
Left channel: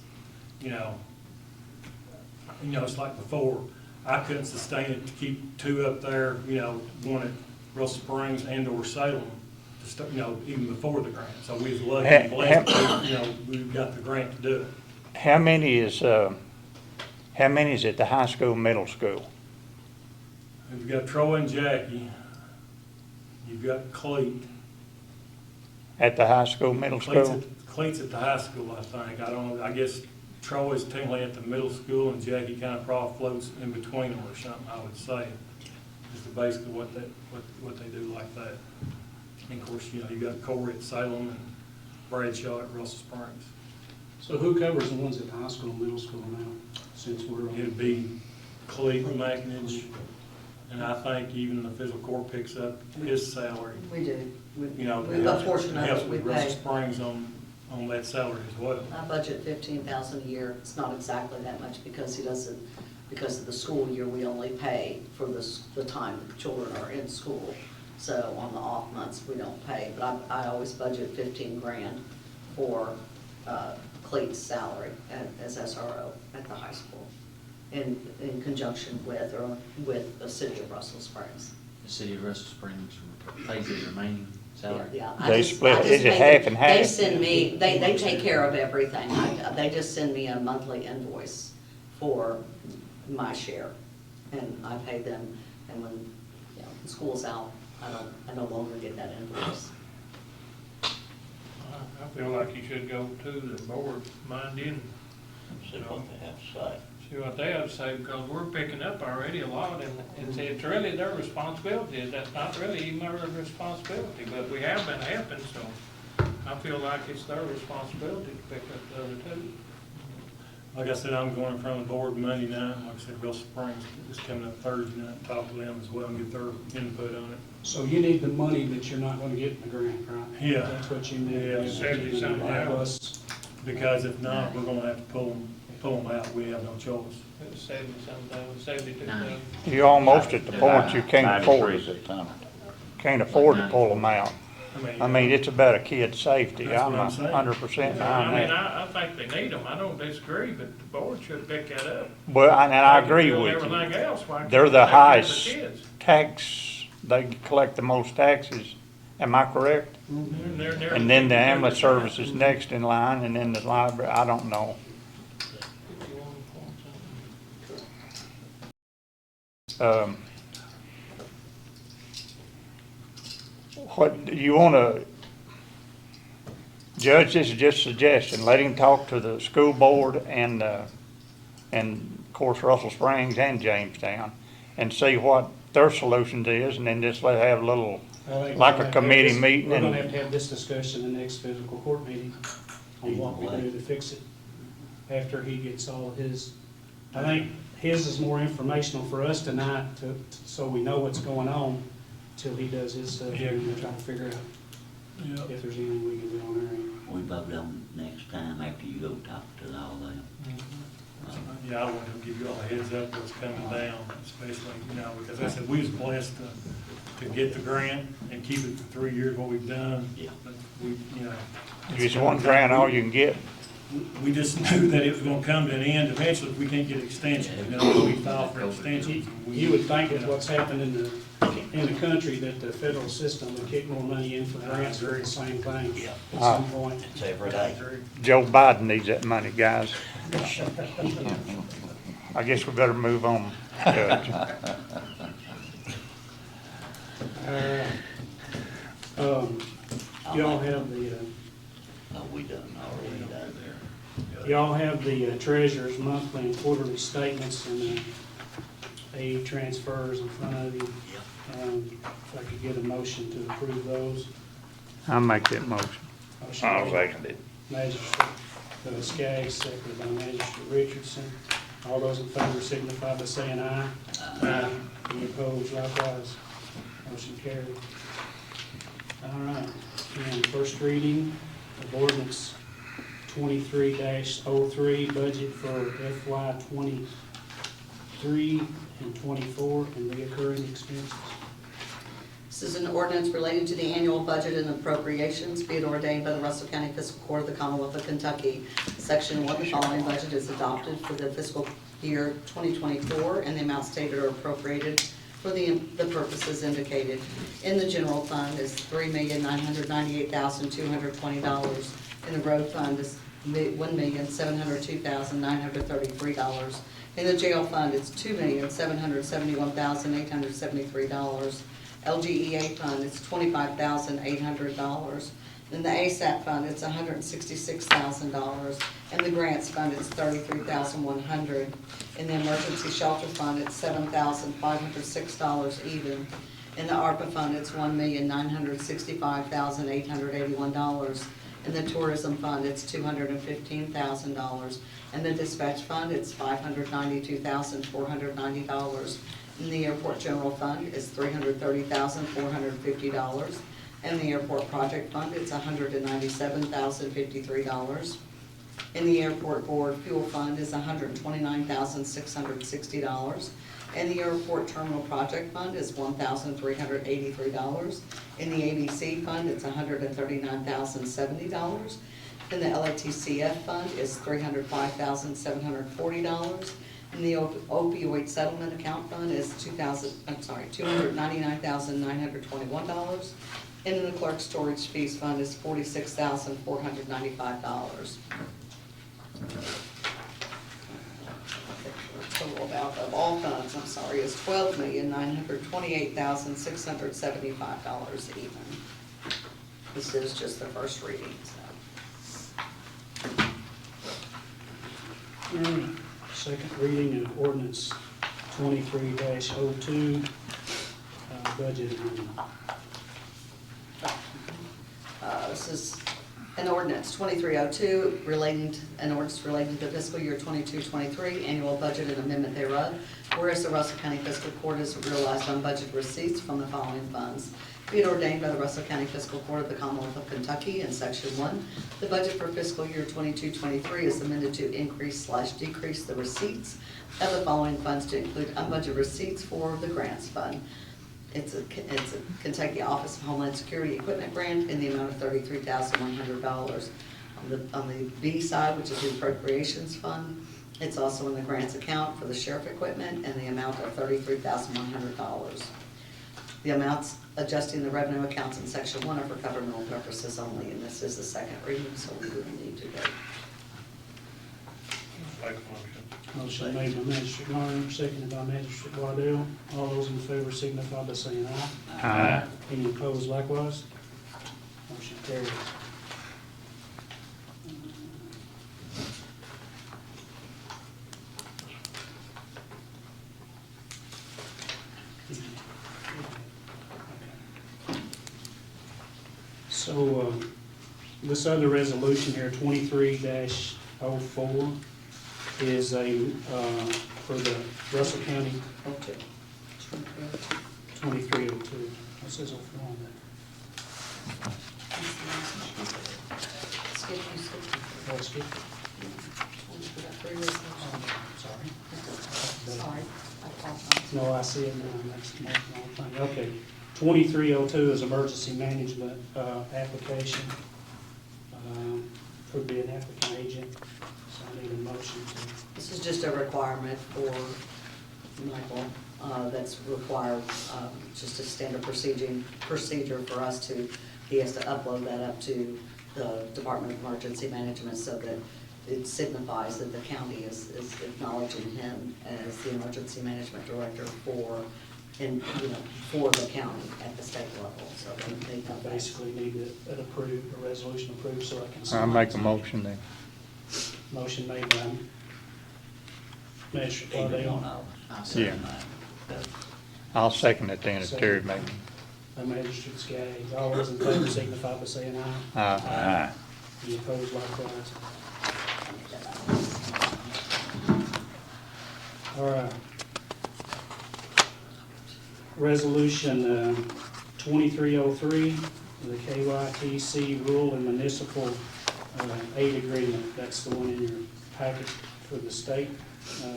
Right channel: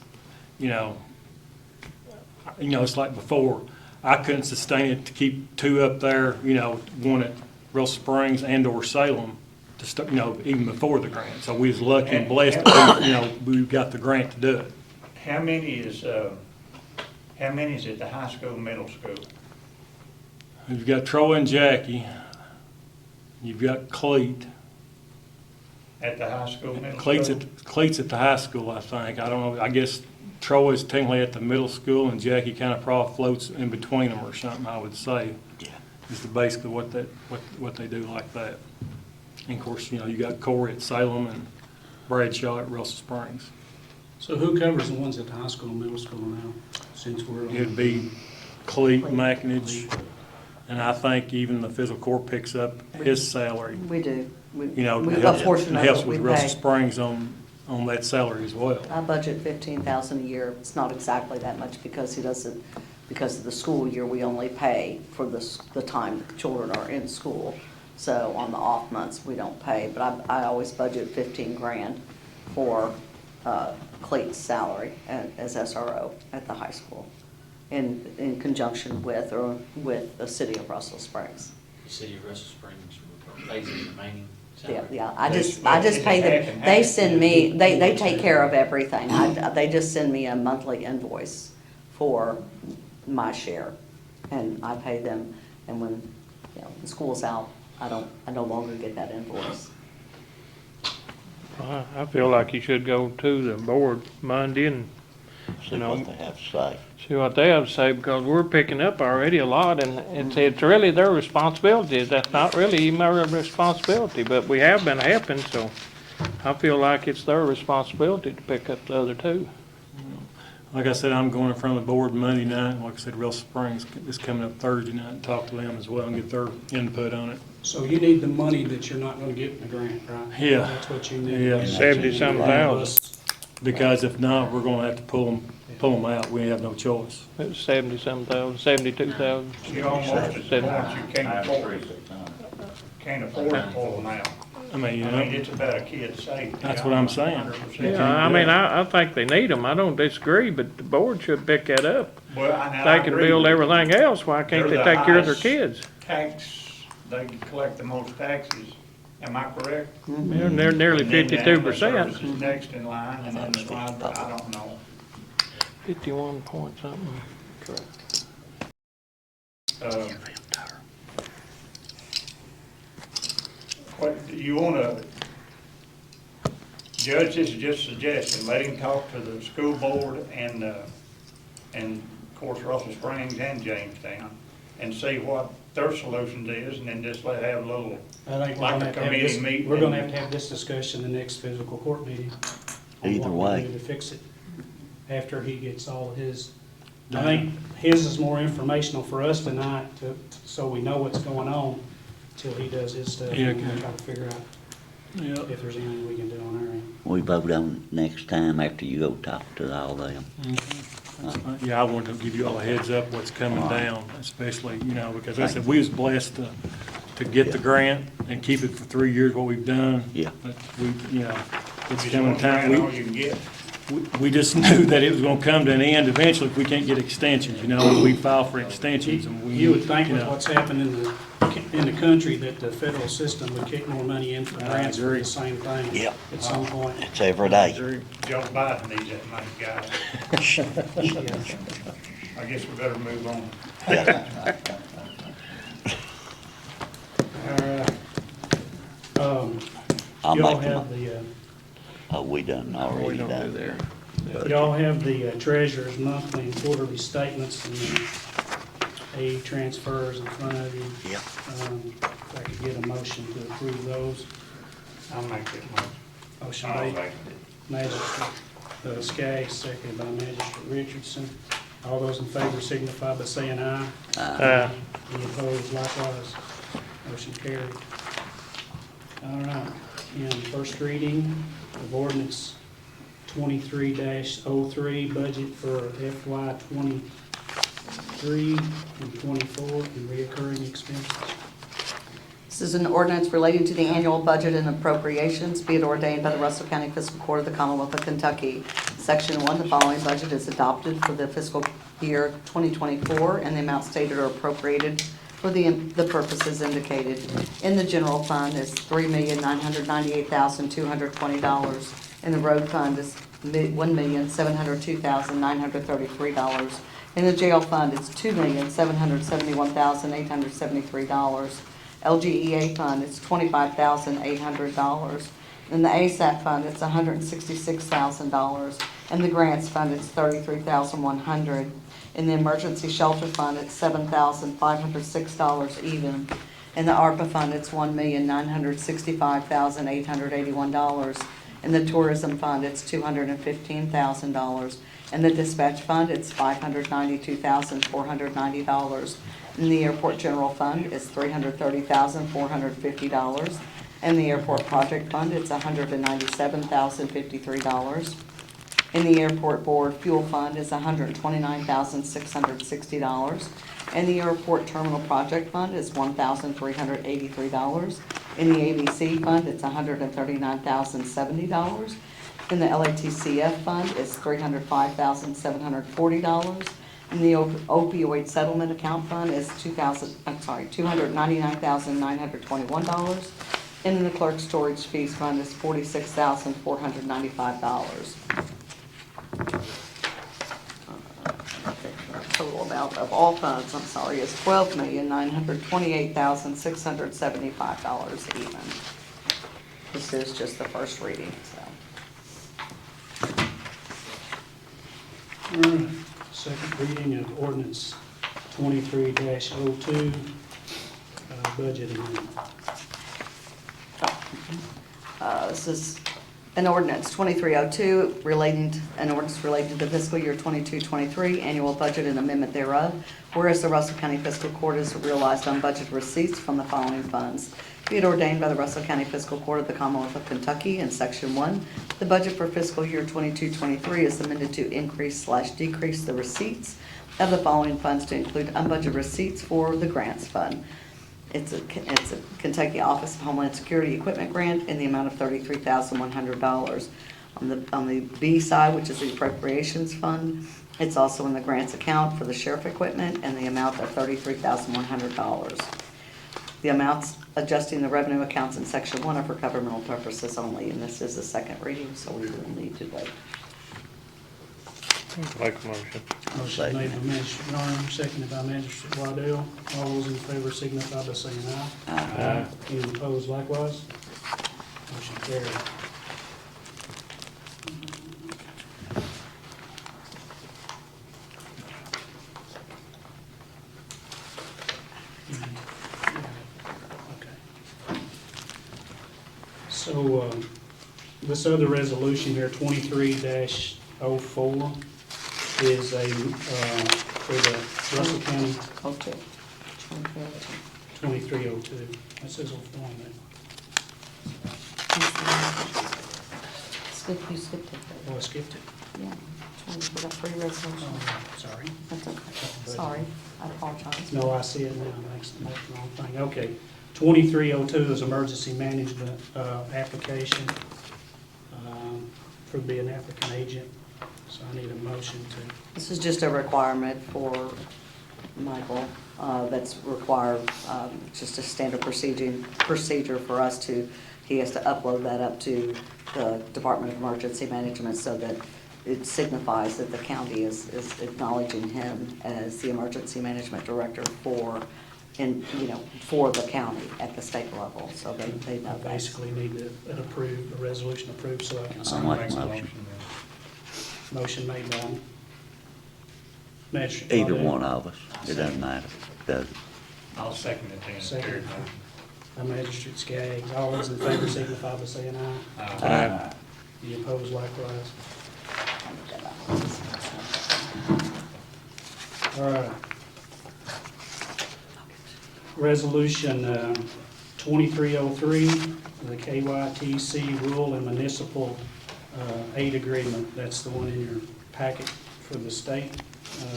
it's like before. I couldn't sustain it to keep two up there, one at Russell Springs and or Salem to start, even before the grant. So we was lucky and blessed, that we got the grant to do it. How many is at the high school, middle school? You've got Troy and Jackie, you've got Cleet. At the high school, middle school? Cleet's at the high school, I think. I don't know, I guess Troy is technically at the middle school and Jackie kind of probably floats in between them or something, I would say. Is basically what they do like that. And of course, you got Corey at Salem and Bradshaw at Russell Springs. So who covers the ones at the high school and middle school now, since we're? It'd be Cleet, McInerney, and I think even the physical court picks up his salary. We do. It A portion of helps it we with Russell pay. Springs on that salary as well. I budget 15,000 a year. It's not exactly that much because because of the school year, we only pay for the time the children are in school. So on the off months, we don't pay, but I always budget 15 grand for Clayton's salary as SRO at the high school in conjunction with the city of Russell Springs. The city of Russell Springs pays the remaining salary. Yeah, They I just split- is it pay half them. and They half? send me, they take care of everything. They just send me a monthly invoice for my share, and I pay them, and when, the school's out, I no longer get that invoice. I feel like you should go to the board Monday and See what they have to say. see what they have to say, because we're picking up already a lot, and it's really their responsibility. That's not really even our responsibility, but we have been helping, so I feel like it's their responsibility to pick up the other two. Like I said, I'm going in front of the board Monday night. Like I said, Russell Springs is coming up Thursday night and talk to them as well and get their input on it. So you need the money that you're not gonna get in the grant, right? Yeah. That's what you need. Yeah. 70-something thousand. Because if not, we're gonna have to pull them out. We have no choice. It was 70-some thousand, 72,000. You're almost at the point you can't afford it. Can't afford to pull them out. I mean, It's about a kid's safety. That's what I'm saying. 100%. Yeah, I mean, I think they need them. I don't disagree, but the board should pick that up. Well, and I They can agree build with you. everything else, why They're can't they the take care of their highest kids? they collect the most taxes. Am I correct? They're nearly And then the 52%. ambulance service is next in line, and then the library, I don't know. 51 point something. What, do you wanna, Judge, this is just a suggestion, let him talk to the school board and of course Russell Springs and Jamestown, and see what their solutions is, and then just let have a little, I think like we're a gonna have to have committee this- meeting We're gonna and- have to have this discussion in the next physical court meeting. on Either what to way. do to fix it after he gets all of his. I think his is more informational for us tonight so we know what's going on till he does his stuff. Yeah, And we'll okay. try to figure out Yeah. if there's anything we can do on our end. We vote on it next time after you go talk to all them. Yeah, I wanted to give you all a heads up what's coming down, especially, because I said, we was blessed to get the grant and keep it for 3 years, what we've done. Yeah. But we, You it's just gonna want to try and come- all you can get. we just knew that it was gonna come to an end eventually if we can't get extensions, we file for extensions and we. You would think with what's happened in the country that the federal system would kick more money in for grants for the same thing. Yeah. At some point. It's every day. Joe Biden needs that money, guys. I guess we better move on. Judge. y'all make a have mo- the, Oh, we done, We already don't do done. there. y'all have the treasurer's monthly and quarterly statements and aid transfers in front of you. Yep. If I could get a motion to approve those. I'll make that motion. Motion I'll made, second it. Magistrate Skaggs, seconded by Magistrate Richardson. All those in favor signify by saying aye. Any opposed likewise? Motion carried. All right, now first reading of ordinance 23-03, budget for FY 23 and 24 and reoccurring expenses. This is an ordinance relating to the annual budget and appropriations, be it ordained by the Russell County Fiscal Court of the Commonwealth of Kentucky. Section 1, the following budget is adopted for the fiscal year 2024, and the amounts stated are appropriated for the purposes indicated. In the general fund is $3,998,220. In the road fund is $1,702,933. In the jail fund, it's $2,771,873. LGEA fund, it's $25,800. In the ASAP fund, it's $166,000. In the grants fund, it's $33,100. In the emergency shelter fund, it's $7,506 even. In the ARPA fund, it's $1,965,881. In the tourism fund, it's $215,000. In the dispatch fund, it's $592,490. In the airport general fund, it's $330,450. In the airport project fund, it's $197,053. In the airport board fuel fund is $129,660. In the airport terminal project fund is $1,383. In the ABC fund, it's $139,070. In the LATCF fund is $305,740. In the opioid settlement account fund is $299,921. And in the clerk storage fees fund is $46,495. Total amount of all funds, is $12,928,675 even. This is just the first reading, so. All right, second reading of ordinance 23-02, budget amendment. This is an ordinance 2302 an ordinance relating to fiscal year 22-23 annual budget and amendment thereof. Whereas the Russell County Fiscal Court has realized on budget receipts from the following funds. Be it ordained by the Russell County Fiscal Court of the Commonwealth of Kentucky in Section 1, the budget for fiscal year 22-23 is amended to increase/decrease the receipts of the following funds to include unbudgeted receipts for the grants fund. It's a Kentucky Office of Homeland Security Equipment Grant in the amount of $33,100. On the B side, which is the appropriations fund, it's also in the grants account for the sheriff equipment in the amount of $33,100. The amounts adjusting the revenue accounts in Section 1 are for governmental purposes only, and this is the second reading, so we will need to vote. Make a motion. Motion made by Magistrate Garner, seconded by Magistrate Waddell. All those in favor signify by saying aye. Aye. Any opposed likewise? Motion carried. So, this other resolution here, 23-04, is a, for the Russell County Okay. 2302. That says on there. Skip, you skipped. Oh, I skipped it. Yeah. We got three resolutions. Oh, sorry. That's okay. Sorry, I apologize. No, I see it now. That's the wrong thing. Okay. 2302 is emergency management application for being an applicant agent. So I need a motion to, This is just a requirement for Michael, that's required, just a standard procedure for us to, he has to upload that up to the Department of Emergency Management so that it signifies that the county is acknowledging him as the emergency management director for in, for the county at the state level, so they know I that. basically need a resolution approved so I can I'll sign. make the motion then. Motion made by Magistrate Either Waddell. one of us, it doesn't matter. Does it? I'll second it then, if Terry made it. By Magistrate Skaggs. All those in favor signify by saying aye. Aye. Any opposed likewise? All right. Resolution 2303, the KYTC Rural and Municipal Aid Agreement. That's the one in your packet for the state,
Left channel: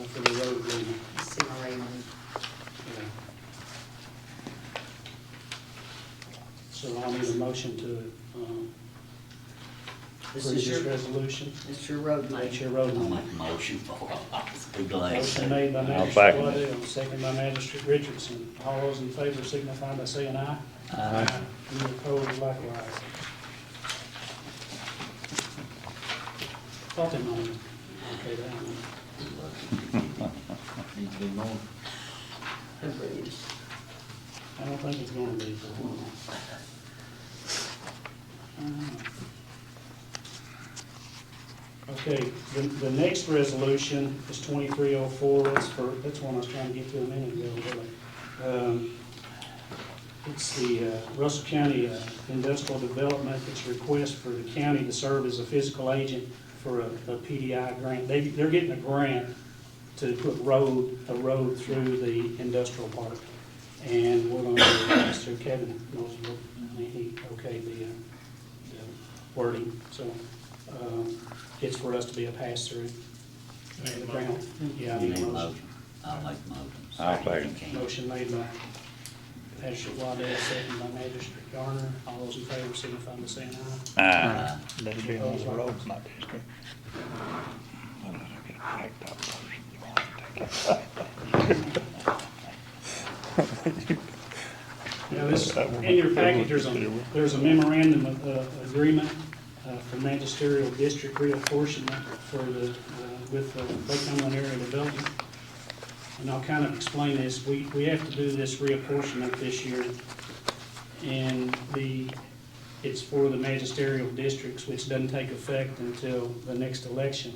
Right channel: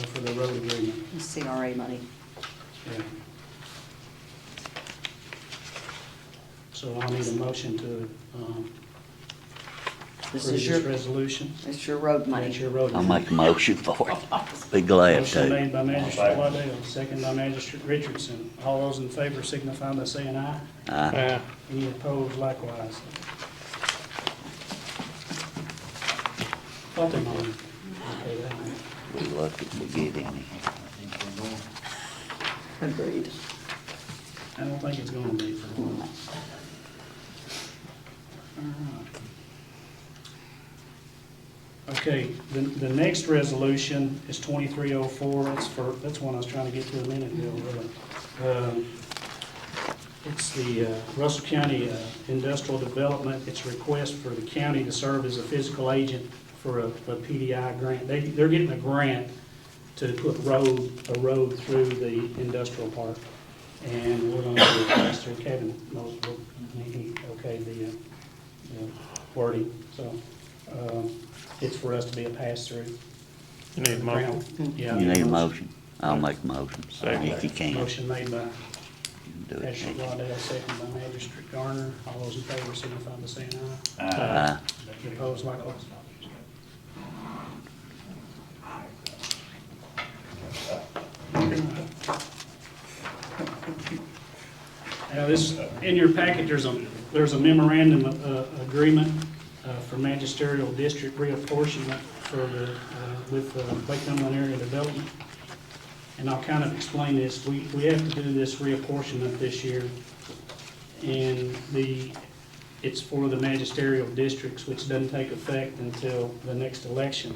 for the road agreement. CRA money. Yeah. So I'll need a motion to This approve is this your, resolution. it's your road That's money. your road. I'll make a motion for it. Be glad Motion to. made by Magistrate Waddell, second by Magistrate Richardson. All those in favor signify by saying aye. Aye. Any opposed likewise. Thought they might. Okay, that. Be lucky to get in here. Agreed. I don't think it's gonna be. Okay, the next resolution is 2304, that's one I was trying to get to a minute ago. It's the Russell County Industrial Development, it's a request for the county to serve as a physical agent for a PDI grant. They're getting a grant to put a road through the industrial park. And we're gonna do Pastor Kevin knows what, he okayed the wording, so, it's for us to be a pass-through. You need a motion? Yeah. You need a motion? I'll make a motion, if you can. Motion made by Do it. Magistrate Waddell, second by Magistrate Garner. All those in favor signify by saying aye. Aye. That'd be Opposed, on the road, likewise. not district. Now, this, in your package, there's a memorandum of agreement for magisterial district reapportionment for the, with Lake Cumberland Area Development. And I'll kind of explain this. We have to do this reapportionment this year. And it's for the magisterial districts, which doesn't take effect until the next election.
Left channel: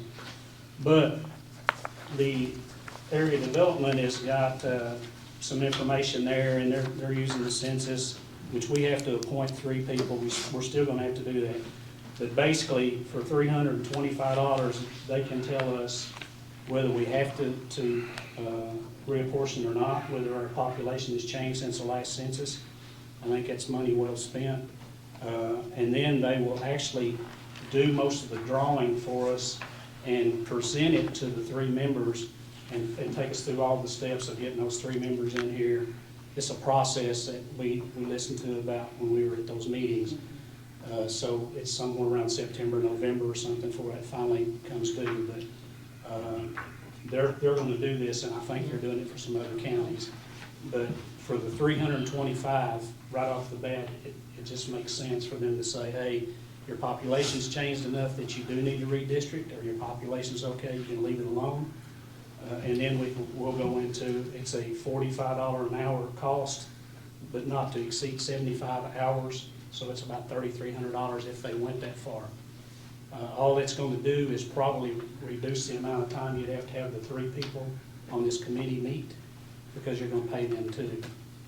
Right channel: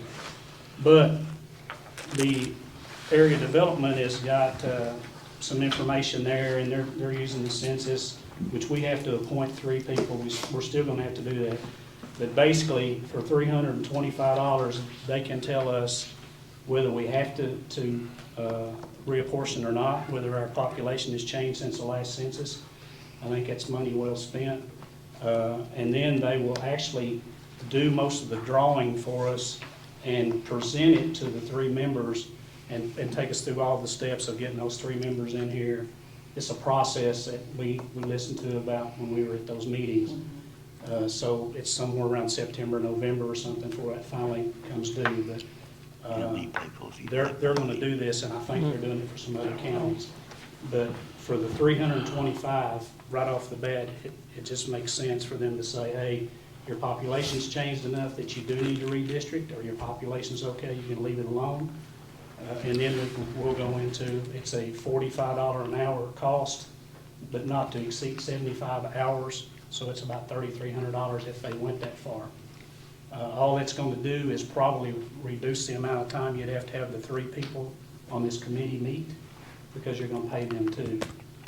But the area development has got some information there, and they're using the census, which we have to appoint 3 people. We're still gonna have to do that. But basically, for $325, they can tell us whether we have to reapportion or not, whether our population has changed since the last census. I think that's money well spent. And then they will actually do most of the drawing for us and present it to the 3 members and take us through all the steps of getting those 3 members in here. It's a process that we listened to about when we were at those meetings. So it's somewhere around September, November or something before that finally comes due. But they're gonna do this, and I think they're doing it for some other counties. But for the 325, right off the bat, it just makes sense for them to say, hey, your population's changed enough that you do need to redistrict, or your population's okay, you can leave it alone. And then we'll go into, it's a $45 an hour cost, but not to exceed 75 hours, so it's about $3,300 if they went that far. All it's going to do is probably reduce the amount of time you'd have to have the 3 people on this committee meet, because you're going to pay them too.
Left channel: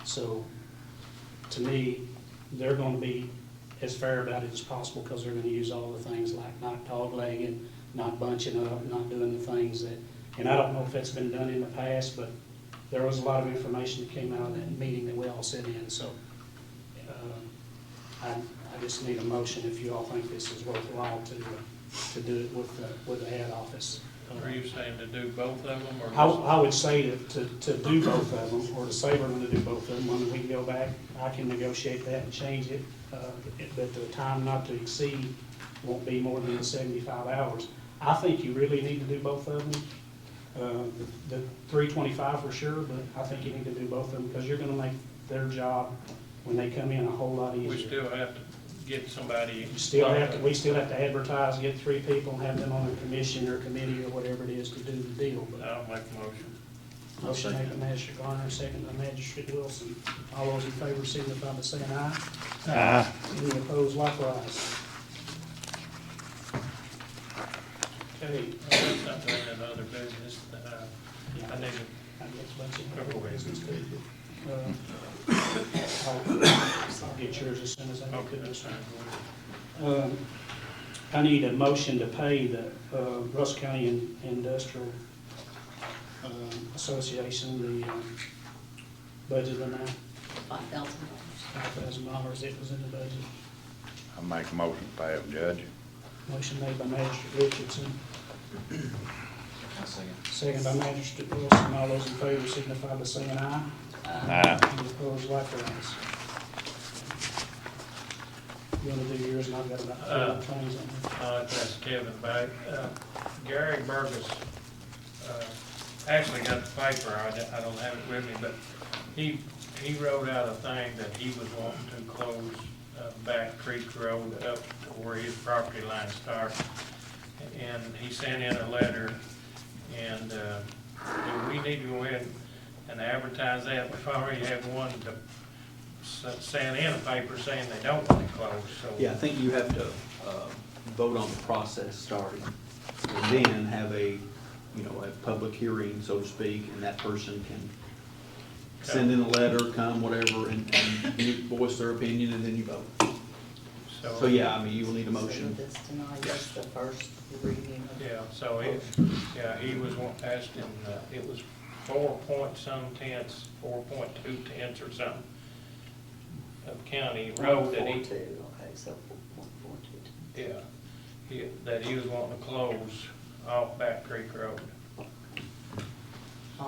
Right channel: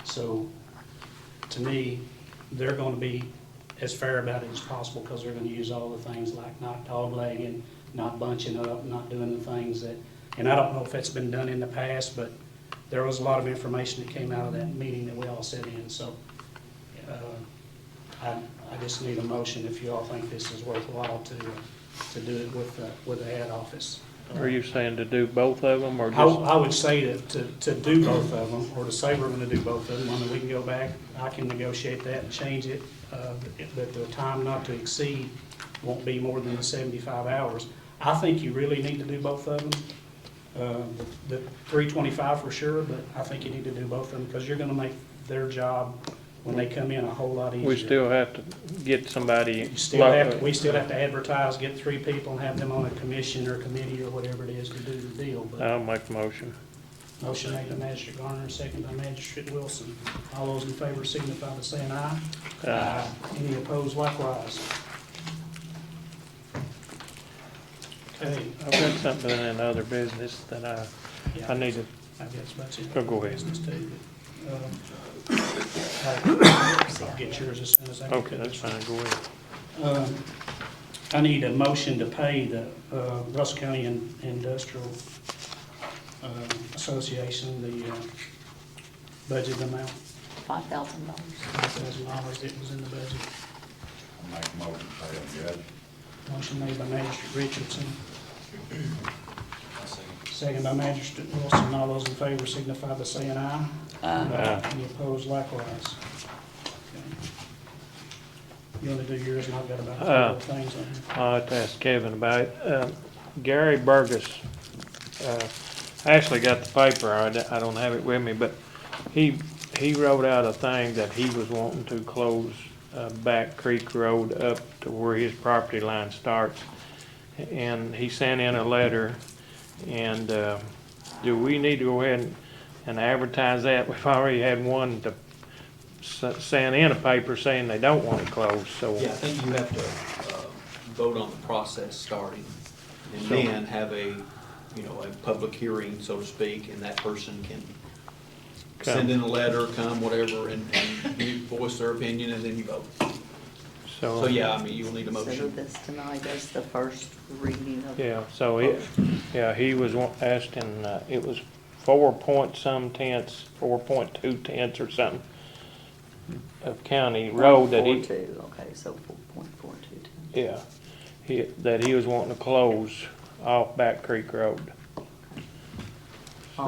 So, to me, they're going to be as fair about it as possible, because they're going to use all the things like not doglegging, not bunching up, not doing the things that, and I don't know if it's been done in the past, but there was a lot of information that came out of that meeting that we all sat in, so I just need a motion if you all think this is worthwhile to do it with the ad office. Are you saying to do both of them, or just? I would say to do both of them, or to say we're gonna do both of them, and we can go back, I can negotiate that and change it, but the time not to exceed won't be more than the 75 hours. I think you really need to do both of them. The 325 for sure, but I think you need to do both of them, because you're gonna make their job when they come in a whole lot easier. We still have to get somebody. We still have to advertise, get 3 people, and have them on a commission or committee or whatever it is to do the deal. But I'll make a motion. Motion made by Magistrate Garner, second by Magistrate Wilson. All those in favor signify by saying aye. Aye. Any opposed likewise? Okay. I've got something in other business that I need to, I guess that's it. Go ahead. Business too. I'll get yours as soon as I. okay, that's fine, go ahead. I need a motion to pay the Russell County Industrial Association the budget amount, $5,000. $5,000 that was in the budget. I'll make a motion to pay them, Judge. Motion made by Magistrate Richardson. Second by Magistrate Wilson. All those in favor signify by saying aye. Aye. Any opposed likewise? You want to do yours, and I've got about 12 things on here. I'll have to ask Kevin about it. Gary Burgess, actually got the paper, I don't have it with me, but he wrote out a thing that he was wanting to close Back Creek Road up to where his property line starts. And he sent in a letter, and do we need to go ahead and advertise that? We've already had one to send in a paper saying they don't want it closed, so. Yeah, I think you have to vote on the process starting, and then have a public hearing, so to speak, and that person can send in a letter, come, whatever, and voice their opinion, and then you vote. So, yeah, I mean, you will need a So motion. this tonight is the first reading of. Yeah, so he was asking, it was 4.2 tenths or something of county road that he, 4.42, okay, so 4.42. yeah, that he was wanting to close off Back Creek Road.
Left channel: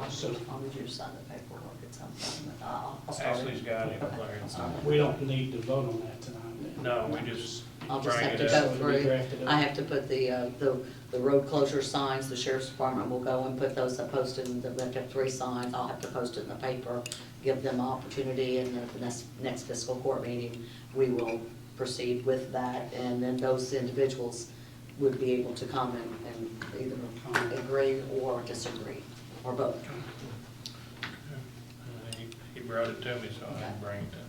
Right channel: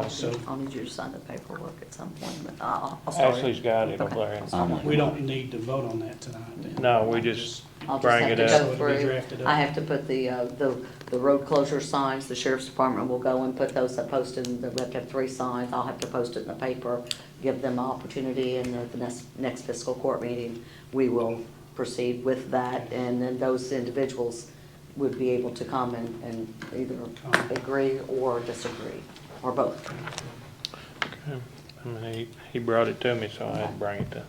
So- I'll need you to sign the paperwork at some point, but I'll start. Ashley's got it up Okay. there. We don't need to vote on that tonight then. No, we just I'll just bring have it to up. go So it'll be through, drafted up. I have to put the road closure signs, the sheriff's department will go and put those up posted, and we have to have 3 signs, I'll have to post it in the paper, give them an opportunity, and at the next fiscal court meeting, we will proceed with that, and then those individuals would be able to come and either agree or disagree, or both. I mean, he brought it to me, so I had to bring it to him.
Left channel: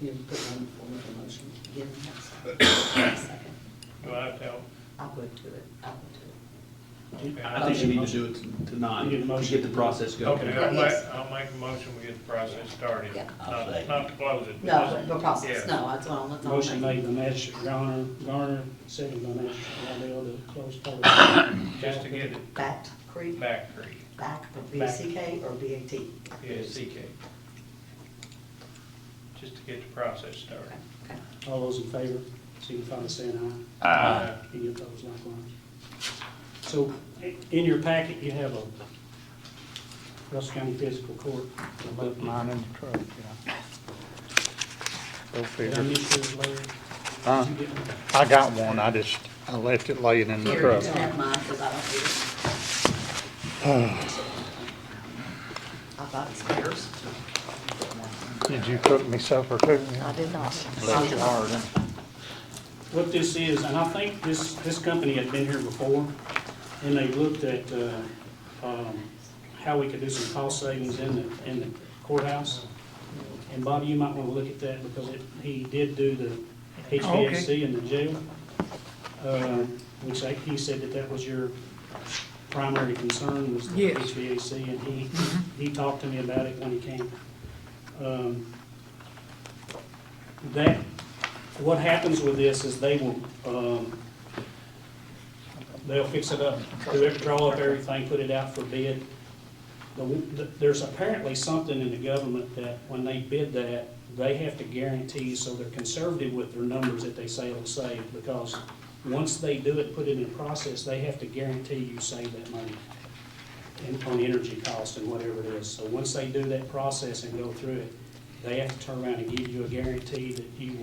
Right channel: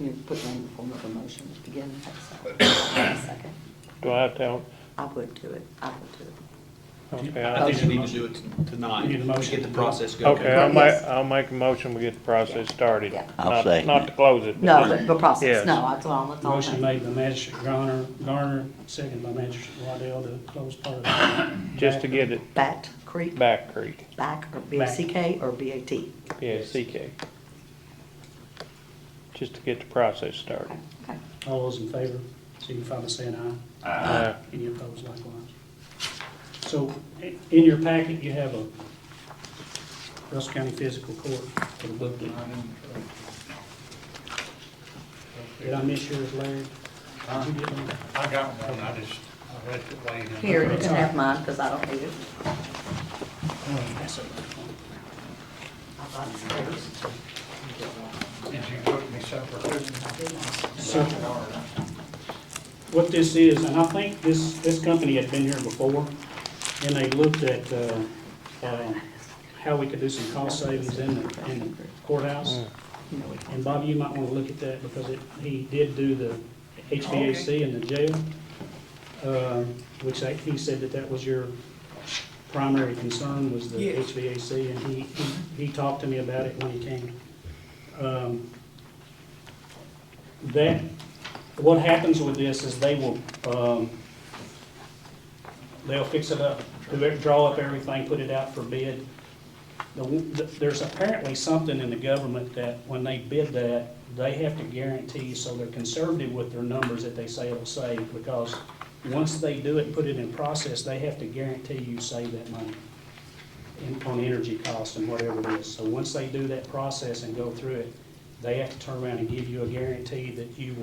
You put them in the form of a motion again, next second. Do I have to help? I would do it, I would do it. Okay, I think you need to do it tonight, You get a to motion. get the process going. Okay, I'll make a motion, we get the process started. Yeah. I'll Not- second Not it. to close it. No, but but the process, Yes. no, that's all. Motion made by Magistrate Garner, second by Magistrate Waddell to close part. just to get it Bat Creek, Back Creek, back, or B-A-C-K or B-A-T? yeah, CK. Just to get the process started. Okay. All those in favor, signify by saying aye. Aye. Any opposed likewise? So, in your packet, you have a Russell County Physical Court. Put mine in the truck. Go Did I figure. miss yours, Larry? Huh? Did you get one? I got one, I left it laying in the Here, you truck. can have mine, because I don't need it. I got spares. Did you cook me supper too? I did not. What this is, and I think this company had been here before, and they looked at how we could do some cost savings in the courthouse. And Bobby, you might want to look at that, because he did do the HVAC in the jail, which he said that was your primary concern, was the Yes. HVAC, and he talked to me about it when he came. What happens with this is they will, they'll fix it up, draw up everything, put it out for bid. There's apparently something in the government that when they bid that, they have to guarantee, so they're conservative with their numbers that they say it'll save, because once they do it and put it in process, they have to guarantee you save that money on energy costs and whatever it is. So once they do that process and go through it, they have to turn around and give you a guarantee that you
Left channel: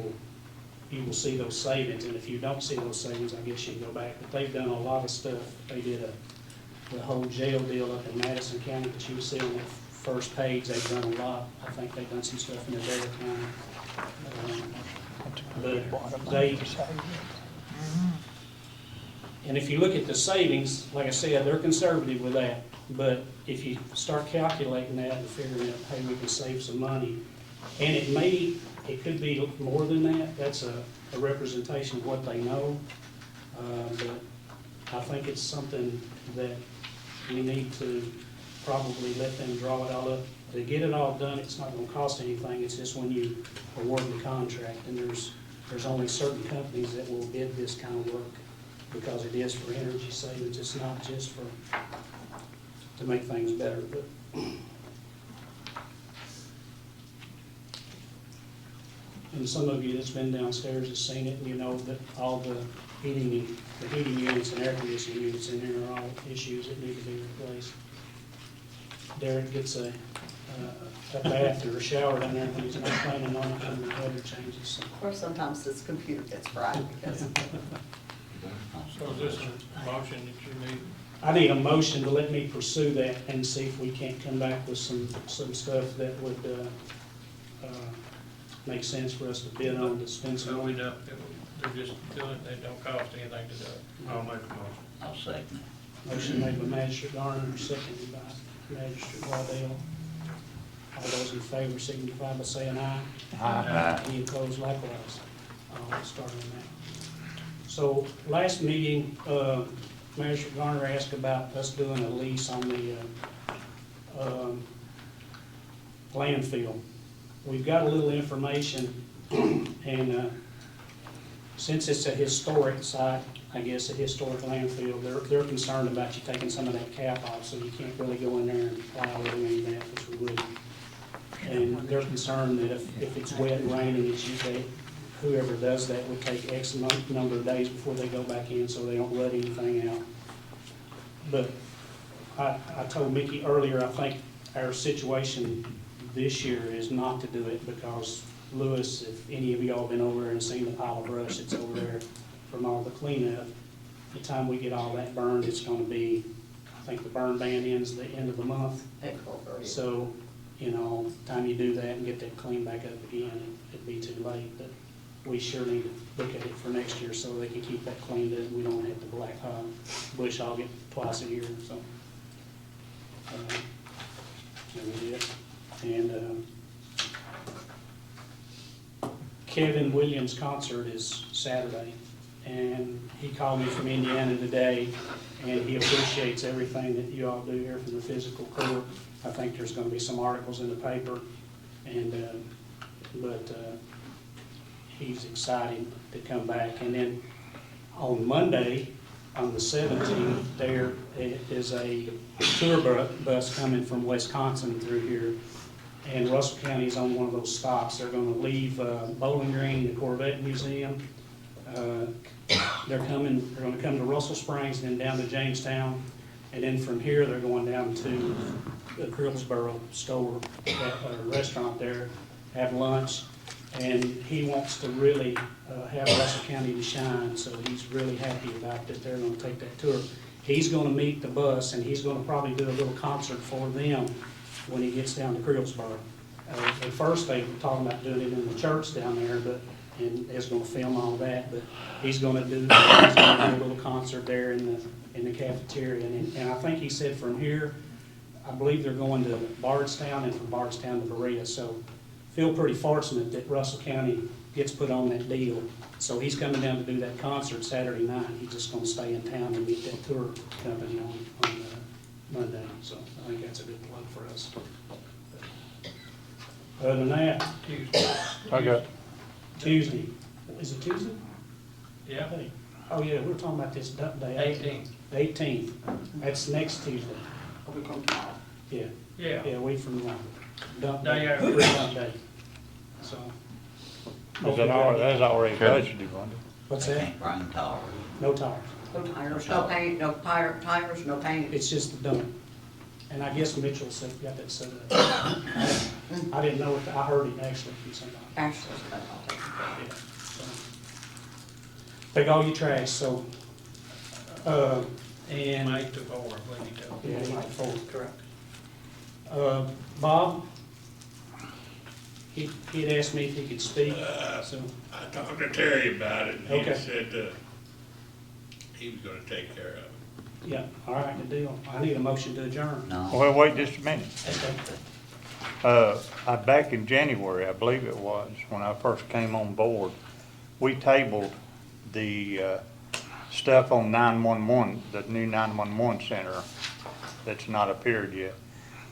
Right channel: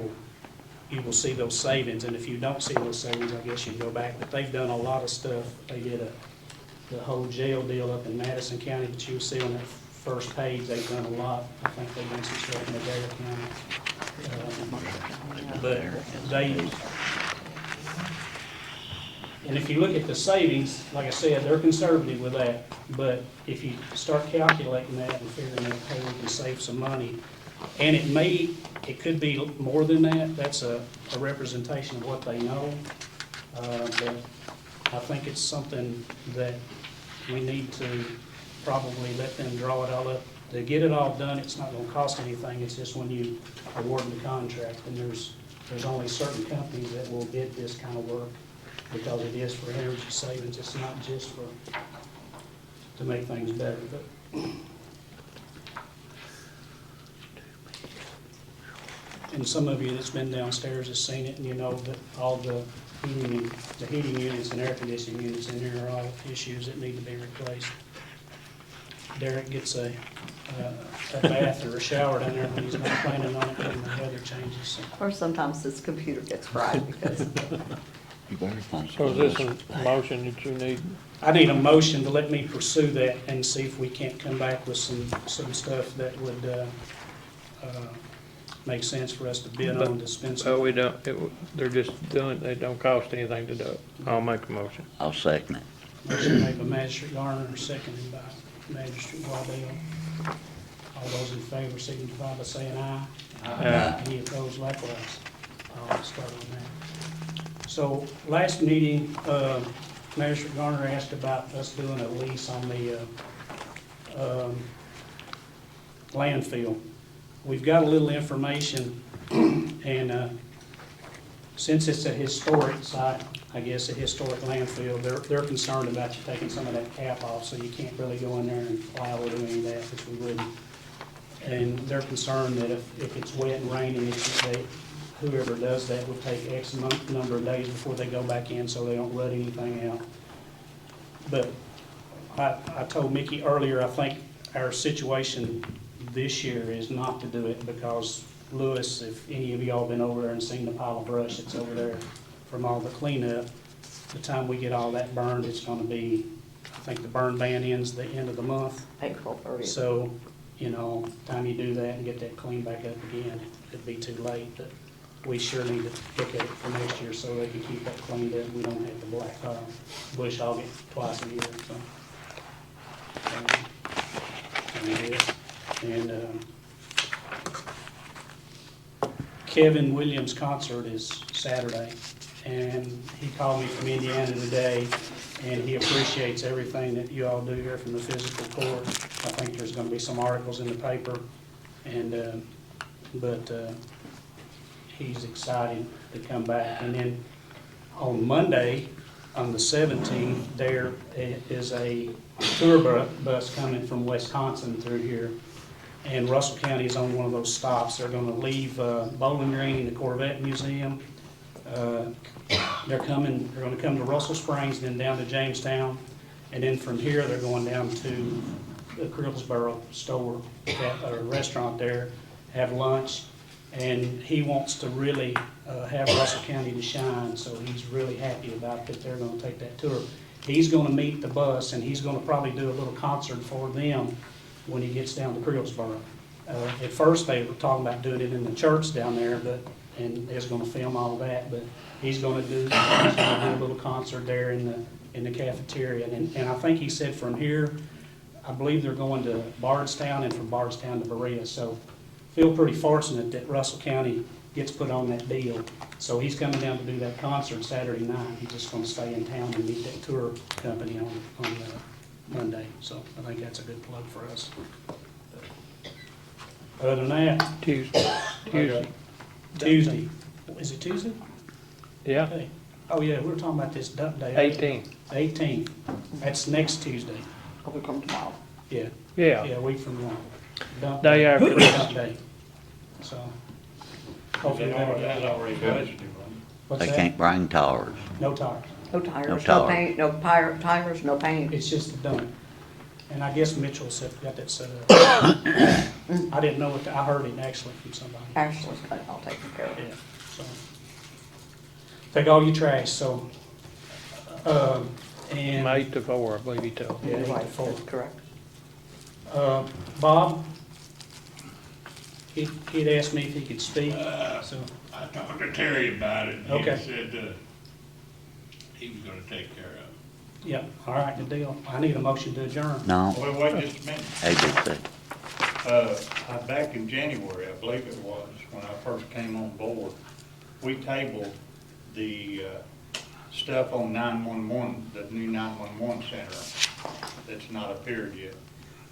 will see those savings. And if you don't see those savings, I guess you can go back. But they've done a lot of stuff. They did the whole jail deal up in Madison County, but you see on that first page, they've done a lot. I think they've done some stuff in the jail county. But And if you look at the savings, like I said, they're conservative with that, but if you start calculating that and figuring out, hey, we can save some money, and it could be more than that, that's a representation of what they know, but I think it's something that we need to probably let them draw it all up. To get it all done, it's not gonna cost anything, it's just when you award the contract, and there's only certain companies that will bid this kind of work, because it is for energy savings, it's not just to make things better, but. And some of you that's been downstairs has seen it, and you know that all the heating units and air conditioning units in there are all issues that need to be replaced. Derek gets a bath or a shower down there when he's not planning on it when the weather changes. Or sometimes his computer gets fried because So is this a motion that you need? I need a motion to let me pursue that and see if we can't come back with some stuff that would make sense for us to bid on, dispense. So we don't, they're just doing it, they don't cost anything to do it. I'll make a motion. I'll second it. Motion made by Magistrate Garner, seconded by Magistrate Waddell. All those in favor signify by saying aye. Aye. Any opposed likewise. I'll start on that. So last meeting, Magistrate Garner asked about us doing a lease on the landfill. We've got a little information, and since it's a historic site, I guess a historic landfill, they're concerned about you taking some of that cap off, so you can't really go in there and plow or do any of that, which we wouldn't. And they're concerned that if it's wet and raining, whoever does that would take X number of days before they go back in, so they don't rut anything out. But I told Mickey earlier, I think our situation this year is not to do it, because Lewis, if any of y'all been over there and seen the pile of brush that's over there from all the cleanup, the time we get all that burned, it's gonna be, I think the burn ban ends the end of the month. April 30th. So, you know, time you do that and get that cleaned back up again, it'd be too late, but we sure need to look at it for next year so they can keep that cleaned up, we don't have the black bush hog it twice a year, so. And Kevin Williams' concert is Saturday, and he called me from Indiana today, and he appreciates everything that you all do here from the Fiscal Court. I think there's gonna be some articles in the paper, and, but he's excited to come back. And then on Monday, on the 17th, there is a tour bus coming from Wisconsin through here. And Russell County is on one of those stops. They're gonna leave Bowling Green, the Corvette Museum. They're gonna come to Russell Springs and then down to Jamestown. And then from here, they're going down to the Crillsboro store, or restaurant there, have lunch. And he wants to really have Russell County to shine, so he's really happy about that they're gonna take that tour. He's gonna meet the bus, and he's gonna probably do a little concert for them when he gets down to Crillsboro. At first, they were talking about doing it in the church down there, and they're gonna film all that, but he's gonna do a little concert there in the cafeteria. And I think he said from here, I believe they're going to Bardstown, and from Bardstown to Berea, so feel pretty fortunate that Russell County gets put on that deal. So he's coming down to do that concert Saturday night. He's just gonna stay in town and meet that tour company on Monday. So I think that's a good plug for us. Other than that, Tuesday. Is it Tuesday? Yeah, Okay. Oh, yeah, we were talking about this dump day. 18. That's next Tuesday. Are we coming tomorrow? Yeah. Yeah, Yeah, we from dump Day after. Dump day. So. That's already budgeted, wasn't it? What's They that? can't bring tires. No tires. No tires, No no tires. paint, no tires, no paint. It's just the dump. And I guess Mitchell said, got that set up. I didn't know what, I heard it actually from somebody. Actually, I'll take it. Yeah, so. Take all your trash, so, and. 8 to 4, I believe he told me. Yeah, 8 to 4. Correct. Bob, he'd asked me if he could speak, so. I talked to Terry about it, and Okay. he said, he was gonna take care of it. Yeah, all right, the deal. I need a motion to adjourn. No, Well, wait just a minute. they just said, Back in January, I believe it was, when I first came on board, we tabled the stuff on 911, the new 911 center that's not appeared yet.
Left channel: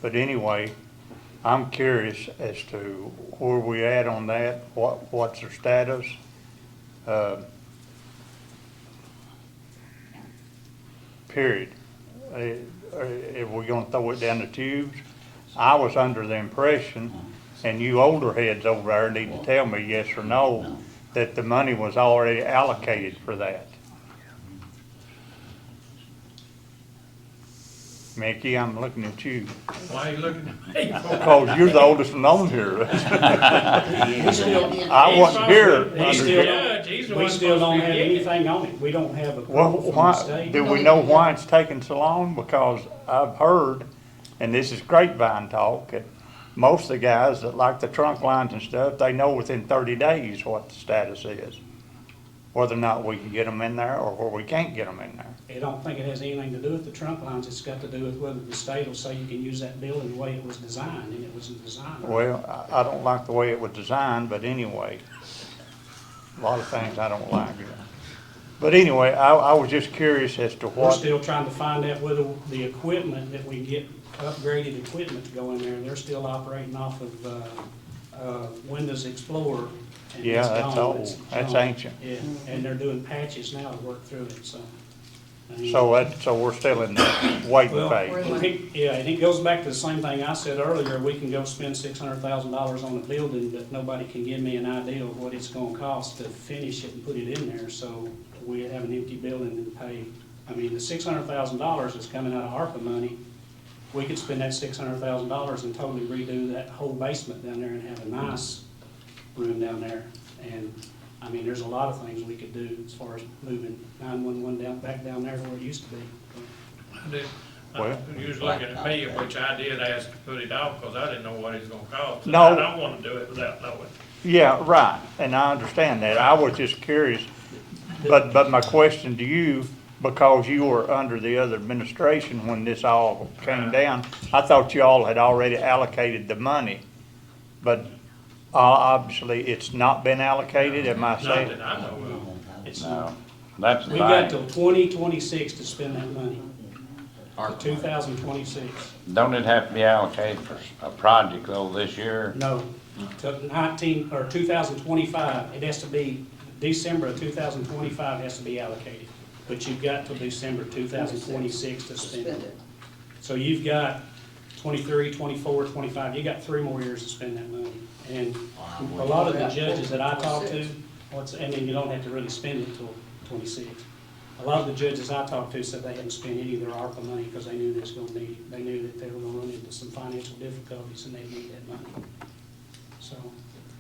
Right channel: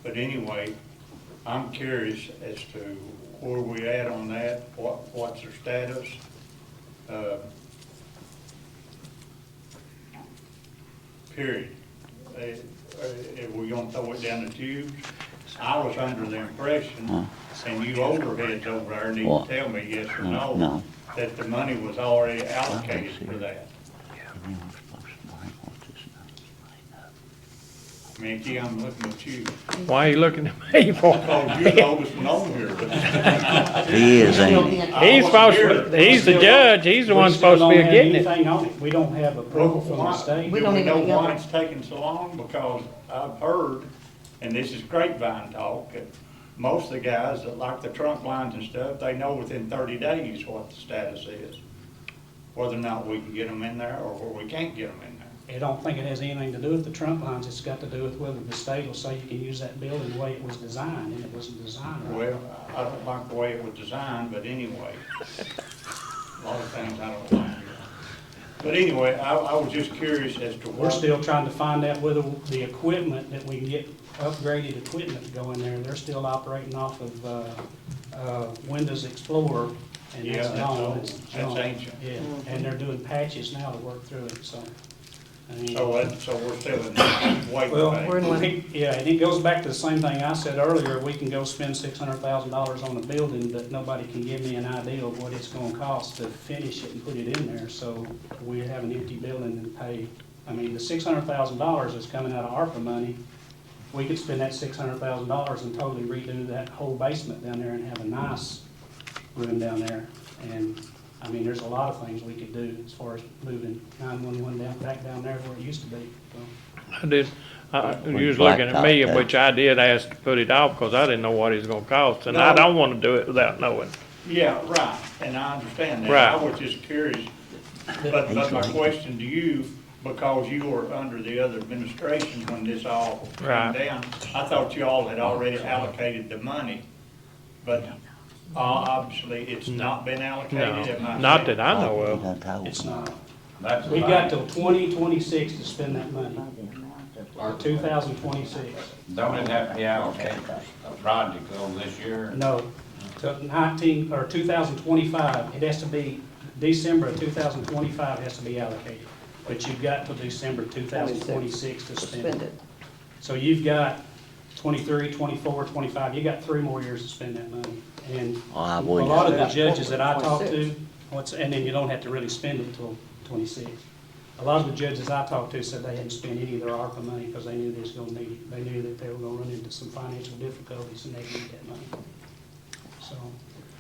But anyway, I'm curious as to where we at on that, what's their status? Period. Are we gonna throw it down the tubes? I was under the impression, and you older heads over there need to tell me yes or no, No. that the money was already allocated for that. Mickey, I'm looking at you, Why are you looking at me for? because you're the oldest one on here. he is, ain't he? I He's wasn't supposed here. to, he's the judge, he's the one supposed to be getting it. We still don't have anything on it. We don't have Well, approval from the why, state. do we know why it's taking so long? Because I've heard, and this is grapevine talk, that most of the guys that like the trunk lines and stuff, they know within 30 days what the status is. Whether or not we can get them in there or where we can't get them in there. I don't think it has anything to do with the trunk lines. It's got to do with whether the state will say you can use that building the way it was designed, and it wasn't designed. right. Well, I don't like the way it was designed, but anyway, a lot of things I don't like. But anyway, I was just curious as to We're what, still trying to find out whether the equipment that we get, upgraded equipment to go in there, they're still operating off of Windows Explorer. And yeah, it's that's gone. old, It's that's gone. ancient. Yeah, and they're doing patches now to work through it, so. So we're still in the waiting Well, phase. yeah, and it goes back to the same thing I said earlier, we can go spend $600,000 on a building, but nobody can give me an idea of what it's gonna cost to finish it and put it in there, so we have an empty building and pay. I mean, the $600,000 is coming out of ARPA money. We could spend that $600,000 and totally redo that whole basement down there and have a nice room down there. And, I mean, there's a lot of things we could do as far as moving 911 back down there where it used to be. I did, Well, you was looking at me, blacktop, which I did ask to put it off, because I didn't know what it's gonna cost, and I No. don't wanna do it without knowing. Yeah, right, and I understand that. I Right. was just curious. But my question to you, because you were under the other administration when this all came Right. down, I thought you all had already allocated the money. But obviously, it's not been allocated, am I Not saying? that I know He of. done told It's me. not. That's the We got thing. till 2026 to spend that money. 2026. Don't it have to be allocated a project though this year? No, to 2025, it has to be, December of 2025 has to be allocated. But you've got till December 2026 to spend it. So you've got 23, 24, 25, you got 3 more years to spend that money. And I a would. lot of the judges that I talk to, and then you don't have to really spend it till 26. A lot of the judges I talked to said they hadn't spent any of their ARPA money because they knew they was gonna need it. They knew that they were gonna run into some financial difficulties and they need that money. So,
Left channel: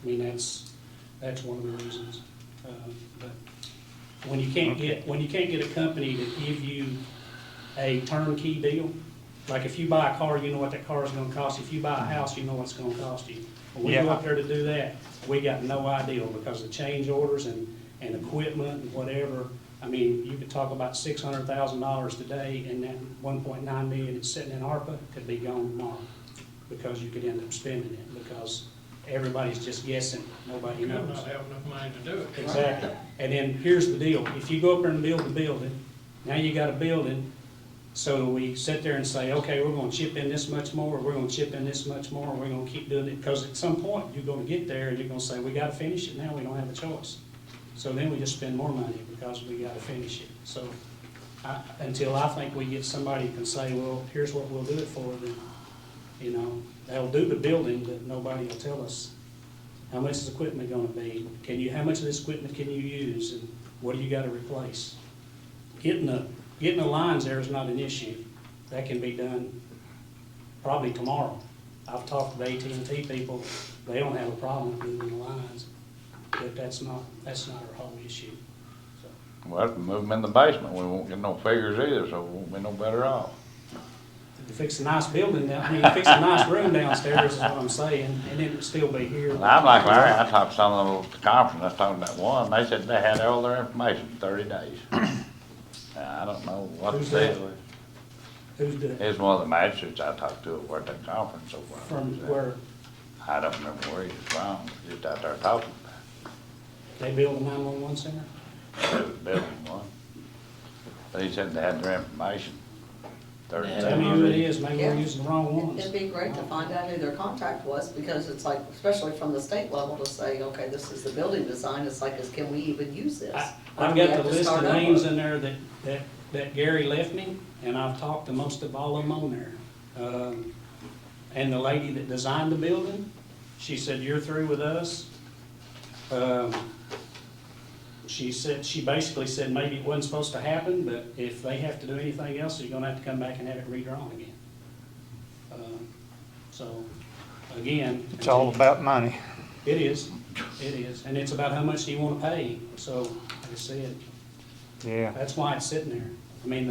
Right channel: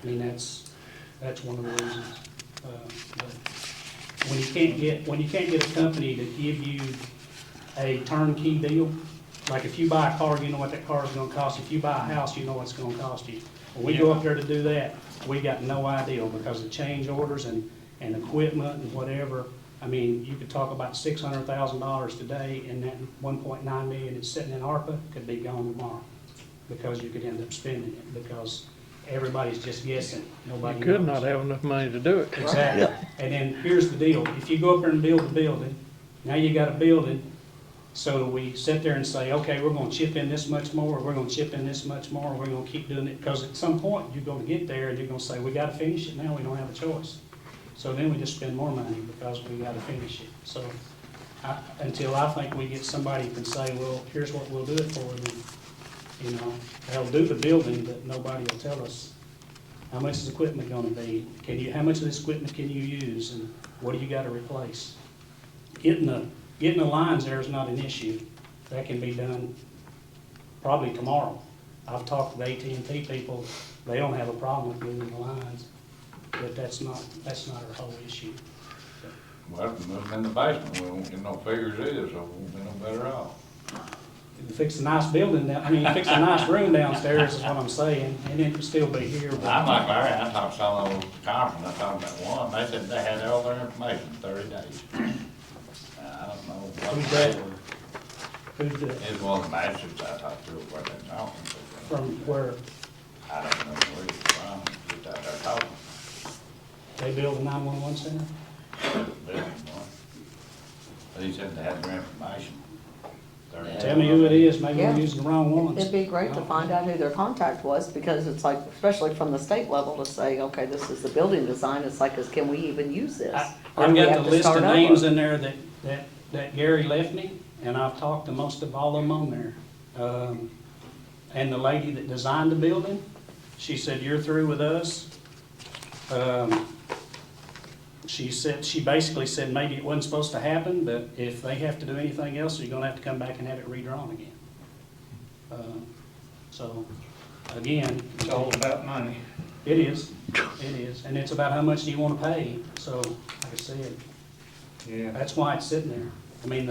I mean, that's one of the reasons. But when you can't get a company to give you a turnkey deal, like if you buy a car, you know what that car is gonna cost. If you buy a house, you know what it's gonna cost you. When we go Yeah. up there to do that, we got no idea because the change orders and equipment and whatever. I mean, you could talk about $600,000 today, and that 1.9 million that's sitting in ARPA could be gone tomorrow, because you could end up spending it, because everybody's just guessing, nobody You knows. could not have enough money to do it. Exactly. Yeah. And then here's the deal, if you go up there and build a building, now you got a building, so we sit there and say, okay, we're gonna chip in this much more, we're gonna chip in this much more, we're gonna keep doing it, because at some point, you're gonna get there and you're gonna say, we gotta finish it now, we don't have a choice. So then we just spend more money because we gotta finish it. So, until I think we get somebody who can say, well, here's what we'll do it for, then, you know, they'll do the building, but nobody will tell us how much is equipment gonna be? How much of this equipment can you use, and what do you gotta replace? Getting the lines there is not an issue. That can be done probably tomorrow. I've talked to AT&T people, they don't have a problem with moving the lines, but that's not our whole issue. Well, if we move them in the basement, we won't get no figures either, so we won't be no better off. If you fix a nice building, fix a nice room downstairs is what I'm saying, and then it'll still be here. but- I'm like Larry, I talked to some of those conference, I talked about one, they said they had all their information in 30 days. I don't know Who's what that? they were. Who's that? It's one of the magistrates I talked to, where they talking so far. From where? I don't know where he's from, just out there talking. They build a 911 center? They was building one. But he said they had their information. Tell me who it is, maybe we're Yeah. using the wrong ones. It'd be great to find out who their contact was, because it's like, especially from the state level, to say, okay, this is the building design, it's like, can we even use this? Or I've do we got have the to list of start over? names in there that Gary left me, and I've talked to most of all of them on there. And the lady that designed the building, she said, you're through with us. She basically said maybe it wasn't supposed to happen, but if they have to do anything else, you're gonna have to come back and have it redrawn again. So, again. It's all about money. It is, and it's about how much do you wanna pay, so, like I said, Yeah. that's why it's sitting there. I mean,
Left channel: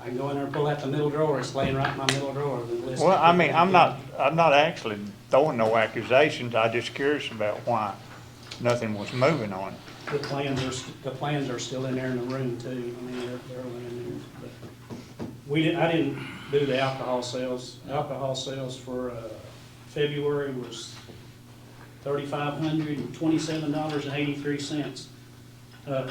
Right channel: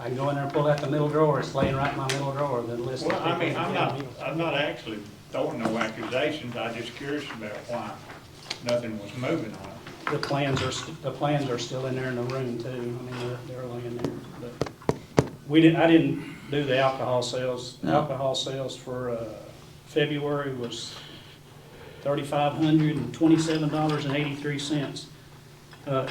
I can go in there and pull out the middle drawer, it's laying right in my middle drawer, the list. Well, I mean, I'm not actually throwing no accusations, I'm just curious about why nothing was moving on it. The plans are still in there in the room too, I mean, they're laying there, but I didn't do the alcohol sales. No. Alcohol sales for, February was $3,527.83.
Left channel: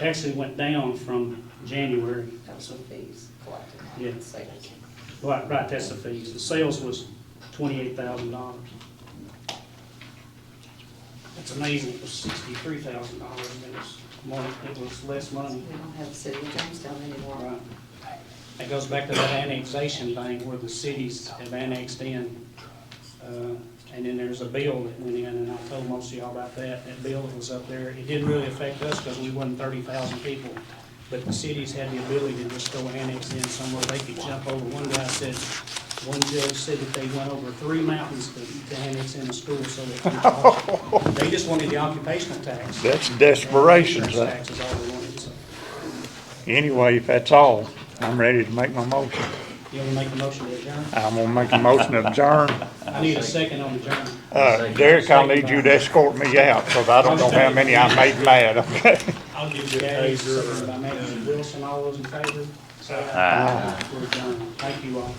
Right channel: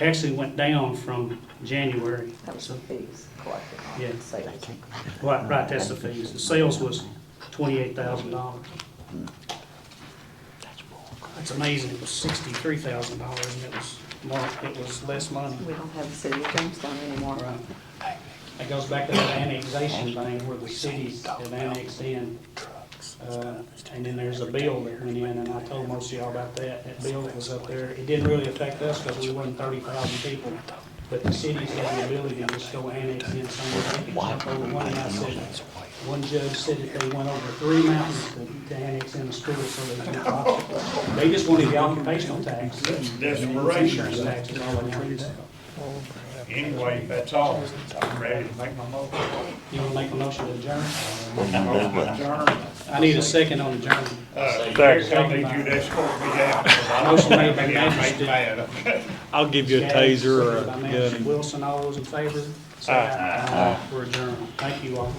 Actually went down from January. That was some fees collected Yeah. on sales. Right, that's the fees. The sales was $28,000. It's amazing, it was $63,000 and it was less money. We don't have the city of Jamestown anymore. Right. It goes back to that annexation thing where the cities have annexed in. And then there's a bill that went in, and I told most of y'all about that. That bill that was up there, it didn't really affect us because we wasn't 30,000 people. But the cities had the ability to just go annex in somewhere. They could jump over. One guy said, one judge said that they went over 3 mountains to annex in a school so they could. They just wanted the occupational tax. That's desperation, Insurance sir. tax is all they wanted. Anyway, if that's all, I'm ready to make my motion. You want to make a motion to adjourn? I'm gonna make a motion to adjourn. I need a second on adjourn. Derek, I'll need you to escort me out, because I don't know how many I made mad, okay? I'll give you a Okay, taser or seconded by a Matthew gun. Wilson, all those in favor? Say Aye. We're adjourned. Thank you all.